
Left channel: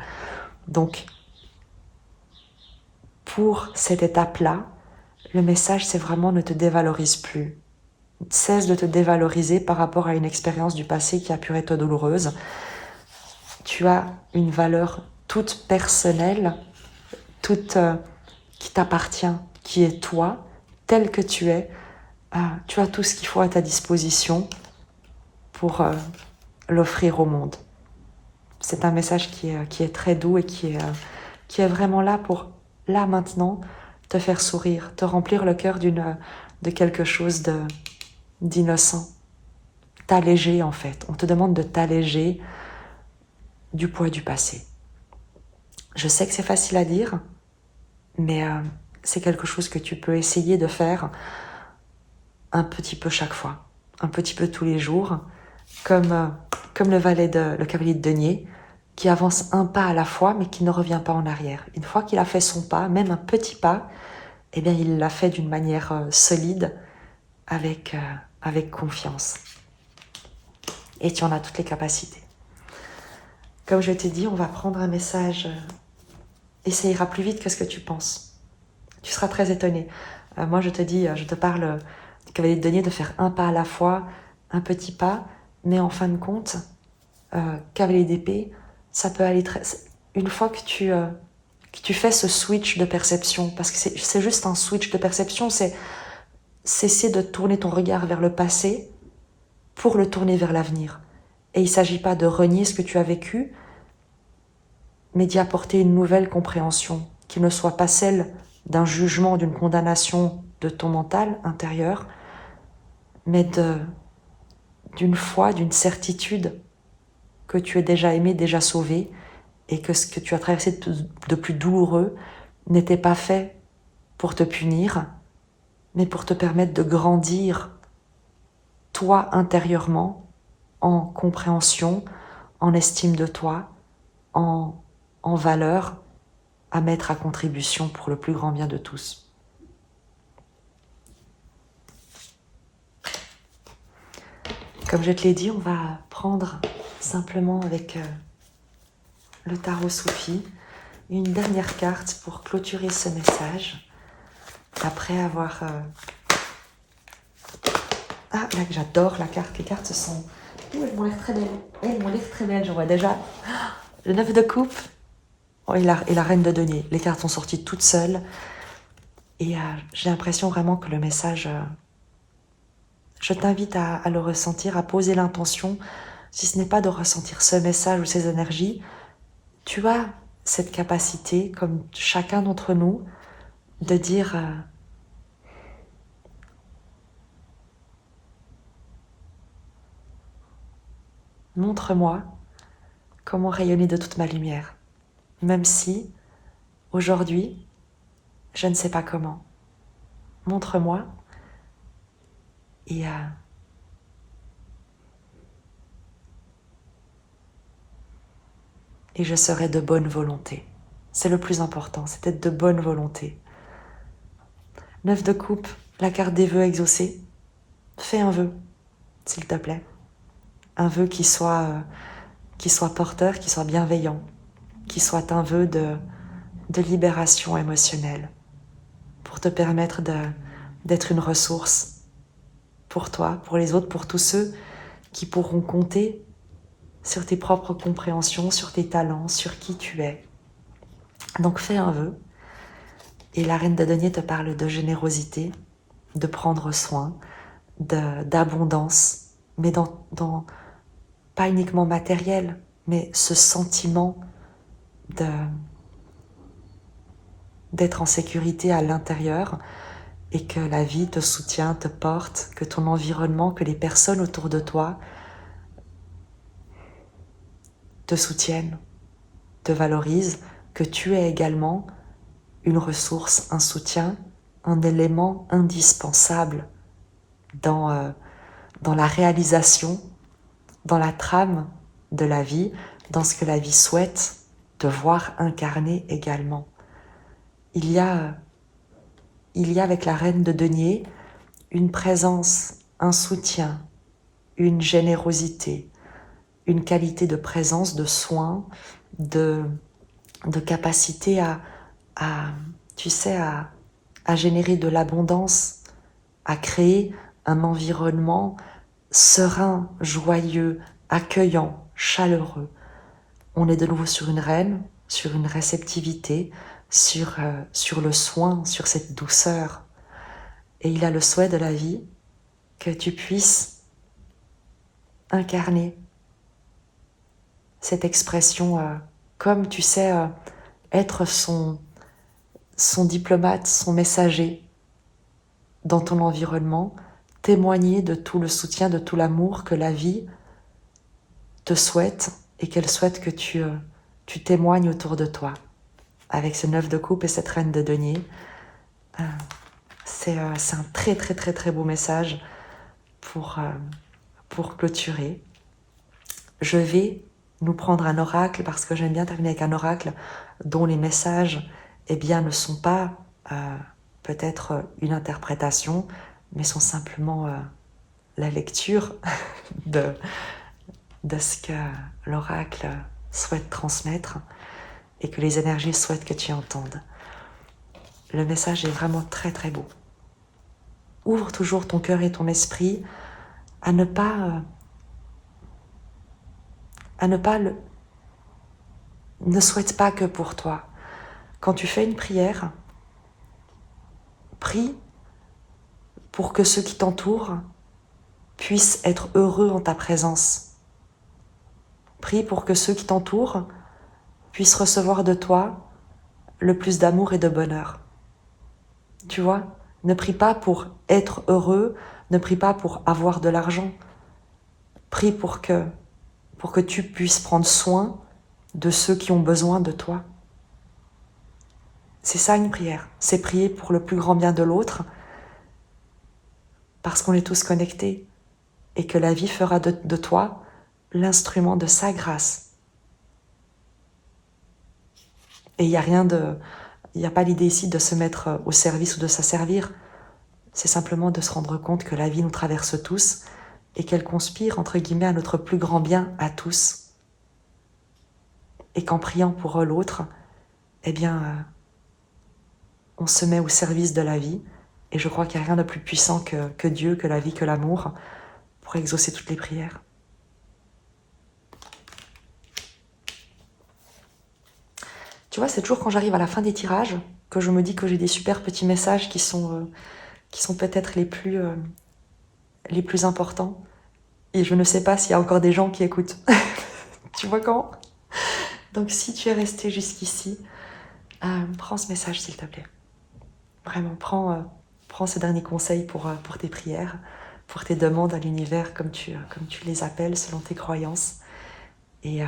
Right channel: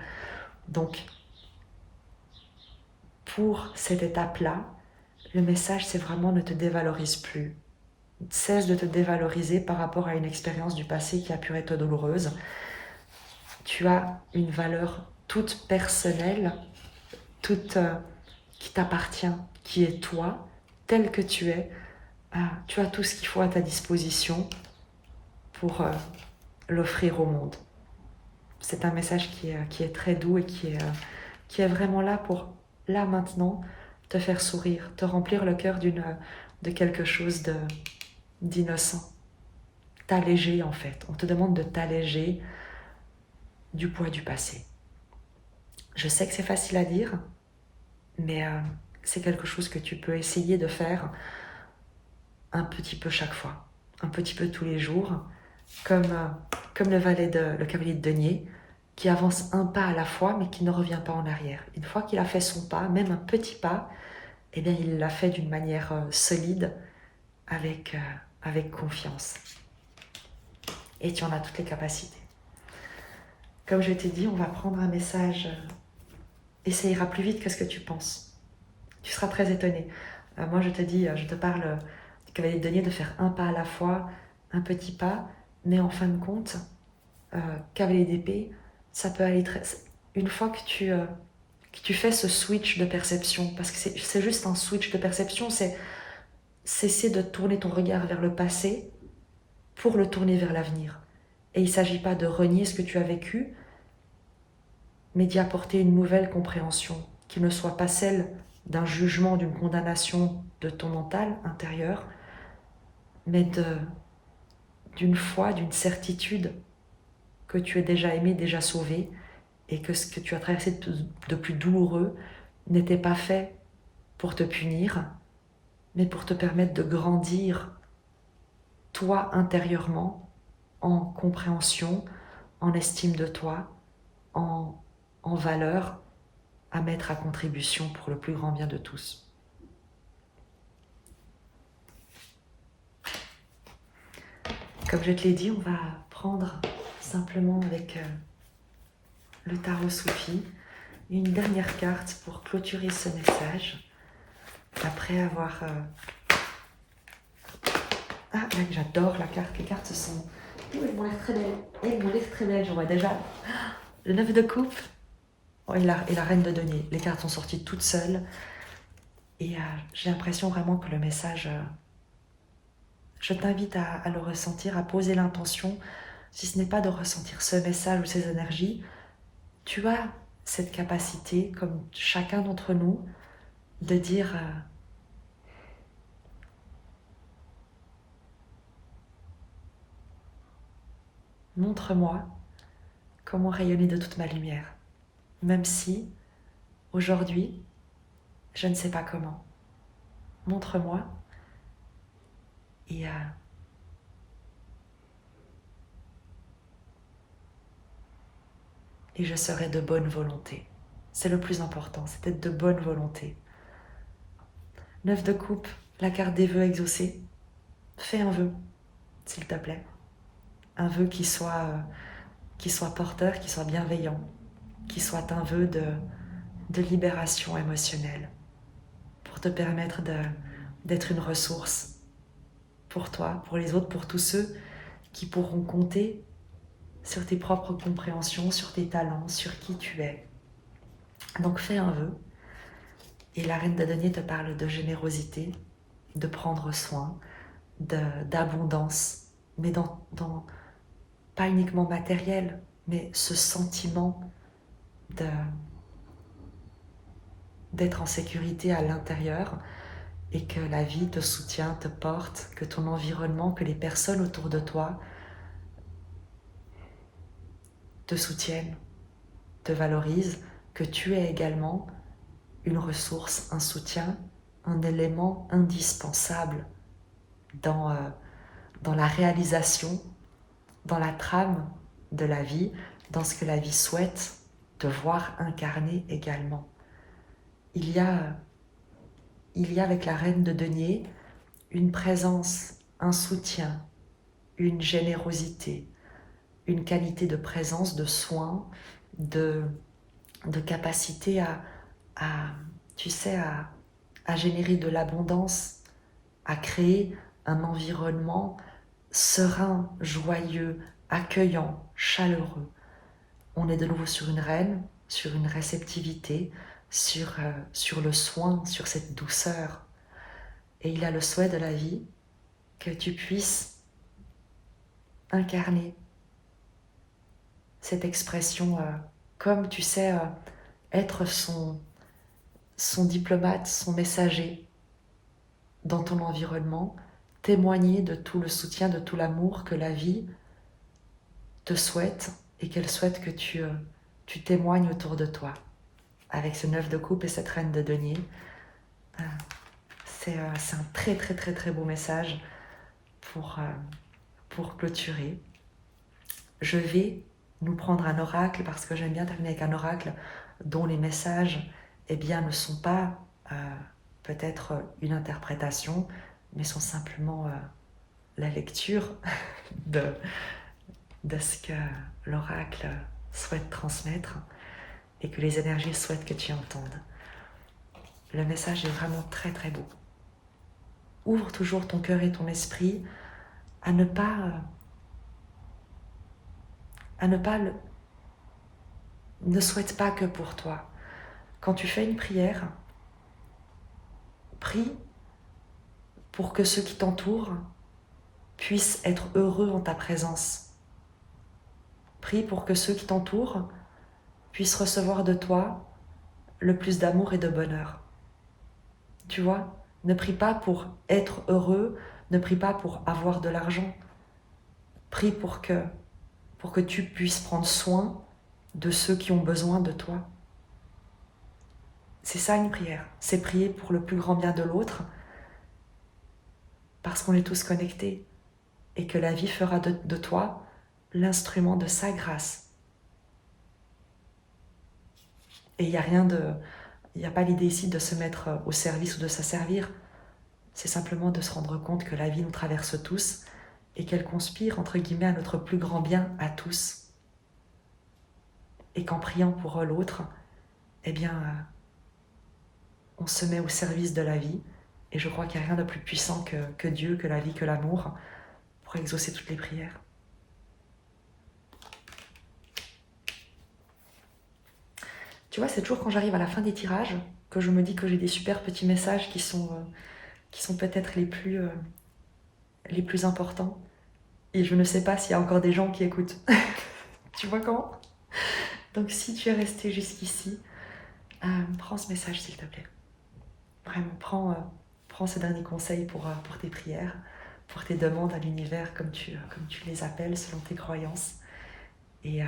Donc, pour cette étape-là, le message, c'est vraiment ne te dévalorise plus. Cesse de te dévaloriser par rapport à une expérience du passé qui a pu être douloureuse. Tu as une valeur toute personnelle, toute qui t'appartient, qui est toi, tel que tu es. Tu as tout ce qu'il faut à ta disposition pour l'offrir au monde. C'est un message qui est très doux et qui est vraiment là pour, là maintenant, te faire sourire, te remplir le cœur de quelque chose d'innocent. T'alléger en fait. On te demande de t'alléger du poids du passé. Je sais que c'est facile à dire, mais c'est quelque chose que tu peux essayer de faire un petit peu chaque fois, un petit peu tous les jours, comme le cavalier de denier, qui avance un pas à la fois, mais qui ne revient pas en arrière. Une fois qu'il a fait son pas, même un petit pas, eh bien, il l'a fait d'une manière solide, avec confiance. Et tu en as toutes les capacités. Comme je t'ai dit, on va prendre un message et ça ira plus vite que ce que tu penses. Tu seras très étonné. Moi, je te dis, je te parle du cavalier de denier de faire un pas à la fois, un petit pas, mais en fin de compte, cavalier d'épée, ça peut aller très... Une fois que tu fais ce switch de perception, parce que c'est juste un switch de perception, c'est cesser de tourner ton regard vers le passé pour le tourner vers l'avenir. Et il ne s'agit pas de renier ce que tu as vécu, mais d'y apporter une nouvelle compréhension, qui ne soit pas celle d'un jugement, d'une condamnation de ton mental intérieur, mais d'une foi, d'une certitude que tu es déjà aimé, déjà sauvé, et que ce que tu as traversé de plus douloureux n'était pas fait pour te punir, mais pour te permettre de grandir, toi intérieurement, en compréhension, en estime de toi, en valeur à mettre à contribution pour le plus grand bien de tous. Comme je te l'ai dit, on va prendre simplement avec le tarot Soufi une dernière carte pour clôturer ce message. Après avoir... Ah, là, j'adore la carte. Les cartes sont... Elles m'ont l'air très belles. Elles m'ont l'air très belles. J'en vois déjà le 9 de coupe et la reine de denier. Les cartes sont sorties toutes seules. Et j'ai l'impression vraiment que le message... je t'invite à le ressentir, à poser l'intention. Si ce n'est pas de ressentir ce message ou ces énergies, tu as cette capacité, comme chacun d'entre nous, de dire montre-moi comment rayonner de toute ma lumière, même si aujourd'hui je ne sais pas comment. Montre-moi et je serai de bonne volonté. C'est le plus important, c'est d'être de bonne volonté. 9 de coupe, la carte des vœux exaucés. Fais un vœu, s'il te plaît. Un vœu qui soit porteur, qui soit bienveillant, qui soit un vœu de libération émotionnelle, pour te permettre d'être une ressource pour toi, pour les autres, pour tous ceux qui pourront compter sur tes propres compréhensions, sur tes talents, sur qui tu es. Donc fais un vœu. Et la reine de denier te parle de générosité, de prendre soin, d'abondance, mais dans pas uniquement matériel, mais ce sentiment d'être en sécurité à l'intérieur et que la vie te soutient, te porte, que ton environnement, que les personnes autour de toi te soutiennent, te valorisent, que tu es également une ressource, un soutien, un élément indispensable dans la réalisation, dans la trame de la vie, dans ce que la vie souhaite te voir incarner également. Il y a avec la reine de denier une présence, un soutien, une générosité, une qualité de présence, de soin, de capacité à générer de l'abondance, à créer un environnement serein, joyeux, accueillant, chaleureux. On est de nouveau sur une reine, sur une réceptivité, sur le soin, sur cette douceur. Et il a le souhait de la vie que tu puisses incarner cette expression comme, tu sais, être son diplomate, son messager dans ton environnement, témoigner de tout le soutien, de tout l'amour que la vie te souhaite et qu'elle souhaite que tu témoignes autour de toi. Avec ce 9 de coupe et cette reine de denier, c'est un très très très très beau message pour clôturer. Je vais nous prendre un oracle parce que j'aime bien terminer avec un oracle dont les messages ne sont pas peut-être une interprétation, mais sont simplement la lecture de ce que l'oracle souhaite transmettre et que les énergies souhaitent que tu entendes. Le message est vraiment très très beau. Ouvre toujours ton cœur et ton esprit à ne pas ne souhaite pas que pour toi. Quand tu fais une prière, prie pour que ceux qui t'entourent puissent être heureux en ta présence. Prie pour que ceux qui t'entourent puissent recevoir de toi le plus d'amour et de bonheur. Tu vois, ne prie pas pour être heureux, ne prie pas pour avoir de l'argent. Prie pour que tu puisses prendre soin de ceux qui ont besoin de toi. C'est ça une prière, c'est prier pour le plus grand bien de l'autre, parce qu'on est tous connectés et que la vie fera de toi l'instrument de sa grâce. Et il n'y a pas l'idée ici de se mettre au service ou de s'asservir, c'est simplement de se rendre compte que la vie nous traverse tous et qu'elle conspire, entre guillemets, à notre plus grand bien à tous. Et qu'en priant pour l'autre, on se met au service de la vie. Et je crois qu'il n'y a rien de plus puissant que Dieu, que la vie, que l'amour, pour exaucer toutes les prières. Tu vois, c'est toujours quand j'arrive à la fin des tirages que je me dis que j'ai des super petits messages qui sont peut-être les plus importants. Et je ne sais pas s'il y a encore des gens qui écoutent. Tu vois comment? Donc si tu es resté jusqu'ici, prends ce message s'il te plaît. Vraiment, prends ce dernier conseil pour tes prières, pour tes demandes à l'univers comme tu les appelles selon tes croyances. Et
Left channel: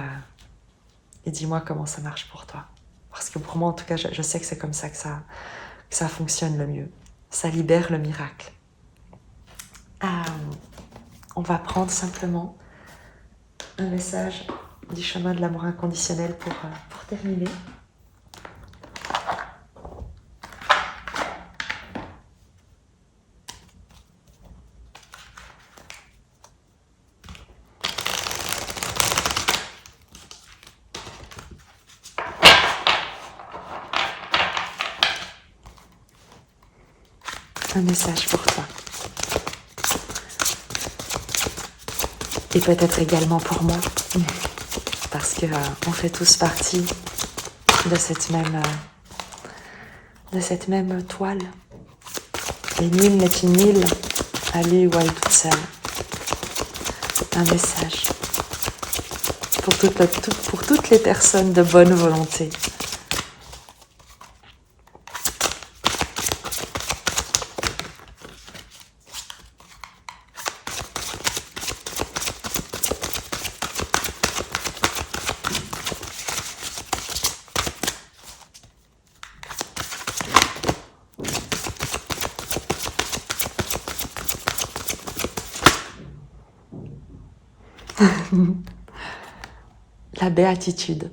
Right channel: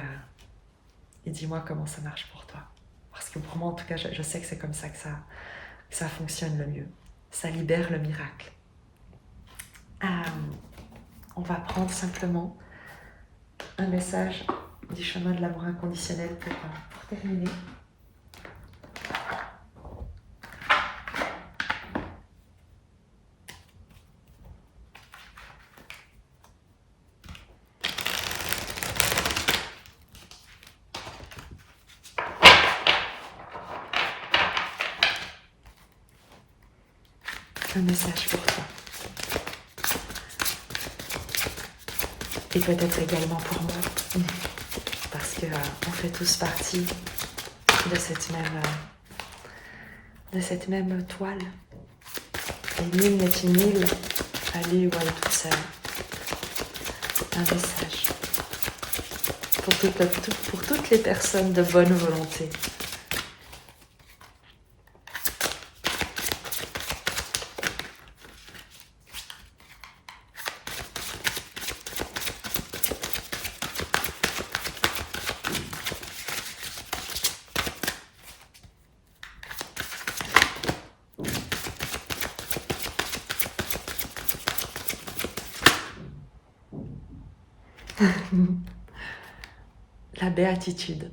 dis-moi comment ça marche pour toi. Parce que pour moi, en tout cas, je sais que c'est comme ça que ça fonctionne le mieux. Ça libère le miracle. On va prendre simplement un message du chemin de l'amour inconditionnel pour terminer. Un message pour toi. Et peut-être également pour moi, parce que on fait tous partie de cette même toile. Et nul n'est une île à lui ou à elle toute seule. Un message pour toutes les personnes de bonne volonté. La béatitude.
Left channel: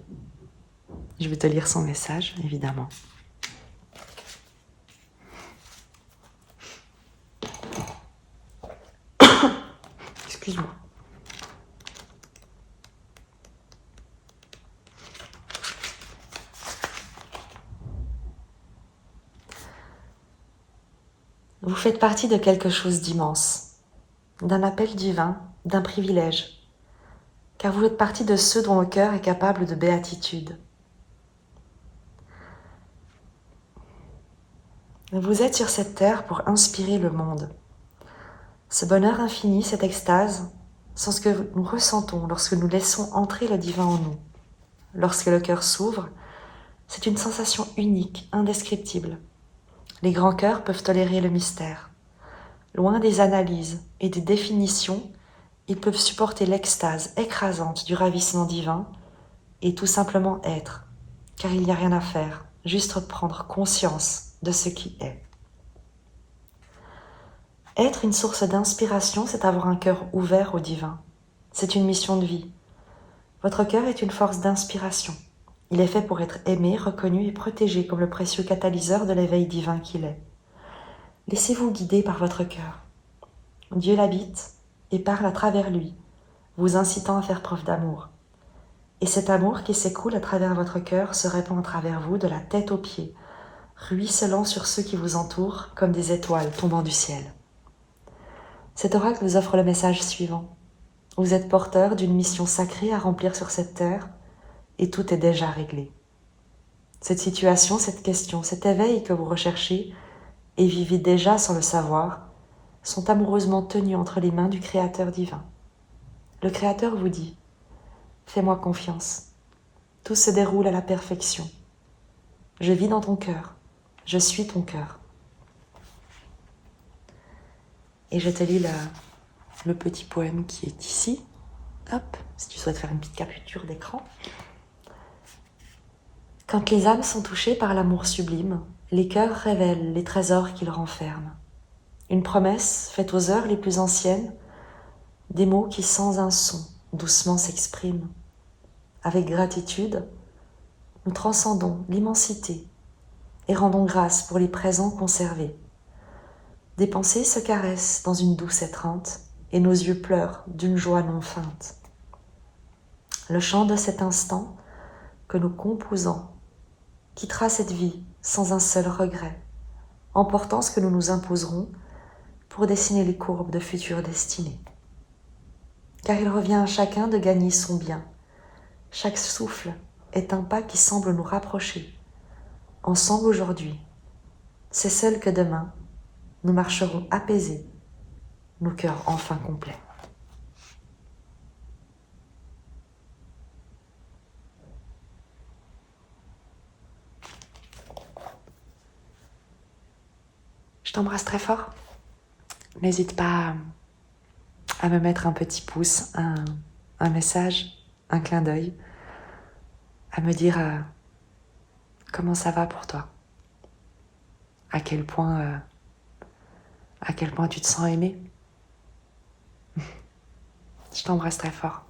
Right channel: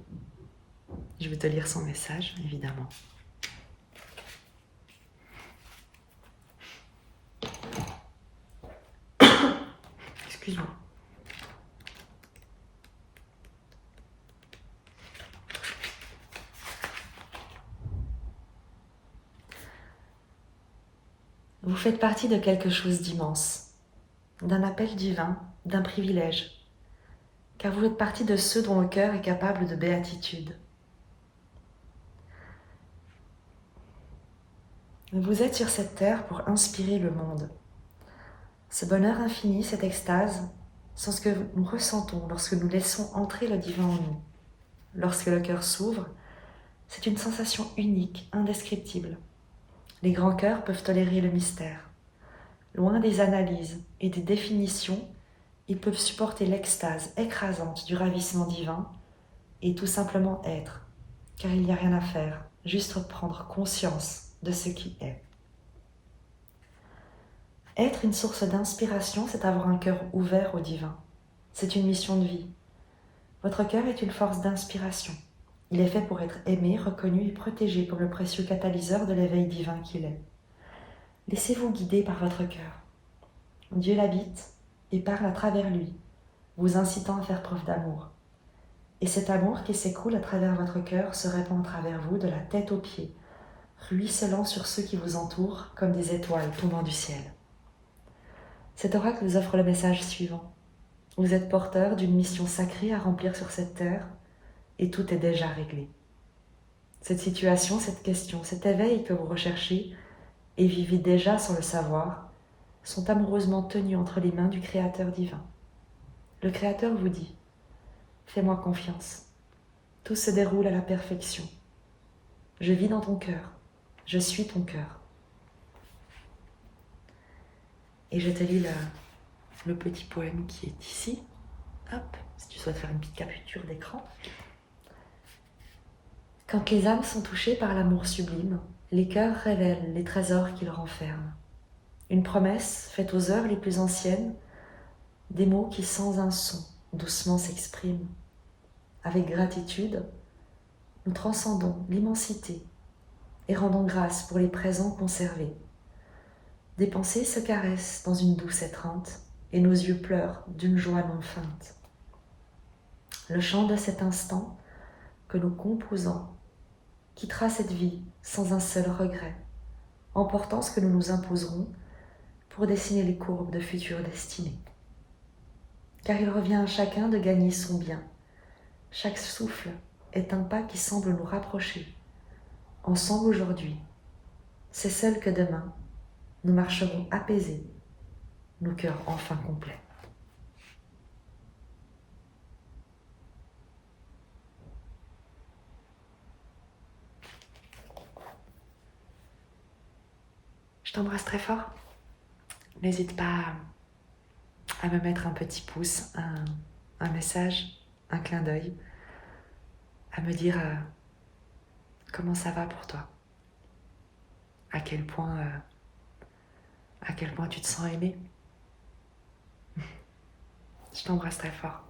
Je vais te lire son message, évidemment. Excuse-moi. Vous faites partie de quelque chose d'immense. d'un appel divin, d'un privilège, car vous faites partie de ceux dont le cœur est capable de béatitude. Vous êtes sur cette terre pour inspirer le monde. Ce bonheur infini, cette extase, sont ce que nous ressentons lorsque nous laissons entrer le divin en nous. Lorsque le cœur s'ouvre, c'est une sensation unique, indescriptible. Les grands cœurs peuvent tolérer le mystère. Loin des analyses et des définitions, ils peuvent supporter l'extase écrasante du ravissement divin et tout simplement être, car il n'y a rien à faire, juste prendre conscience de ce qui est. Être une source d'inspiration, c'est avoir un cœur ouvert au divin. C'est une mission de vie. Votre cœur est une force d'inspiration. Il est fait pour être aimé, reconnu et protégé comme le précieux catalyseur de l'éveil divin qu'il est. Laissez-vous guider par votre cœur. Dieu l'habite et parle à travers lui, vous incitant à faire preuve d'amour. Et cet amour qui s'écoule à travers votre cœur se répand à travers vous de la tête aux pieds, ruisselant sur ceux qui vous entourent comme des étoiles tombant du ciel. Cet oracle vous offre le message suivant. Vous êtes porteur d'une mission sacrée à remplir sur cette terre et tout est déjà réglé. Cette situation, cette question, cet éveil que vous recherchez et vivez déjà sans le savoir sont amoureusement tenus entre les mains du Créateur divin. Le Créateur vous dit « Fais-moi confiance, tout se déroule à la perfection. Je vis dans ton cœur, je suis ton cœur. » Et je te lis le petit poème qui est ici. Hop, si tu souhaites faire une petite capture d'écran. Quand les âmes sont touchées par l'amour sublime, les cœurs révèlent les trésors qu'ils renferment. Une promesse faite aux heures les plus anciennes, des mots qui sans un son doucement s'expriment. Avec gratitude, nous transcendons l'immensité et rendons grâce pour les présents conservés. Des pensées se caressent dans une douce étreinte et nos yeux pleurent d'une joie non feinte. Le chant de cet instant que nous composons quittera cette vie sans un seul regret, emportant ce que nous nous imposerons pour dessiner les courbes de futures destinées. Car il revient à chacun de gagner son bien. Chaque souffle est un pas qui semble nous rapprocher. Ensemble aujourd'hui, c'est seul que demain, nous marcherons apaisés, nos cœurs enfin complets. Je t'embrasse très fort. N'hésite pas à me mettre un petit pouce, un message, un clin d'œil, à me dire comment ça va pour toi, à quel point tu te sens aimé. Je t'embrasse très fort.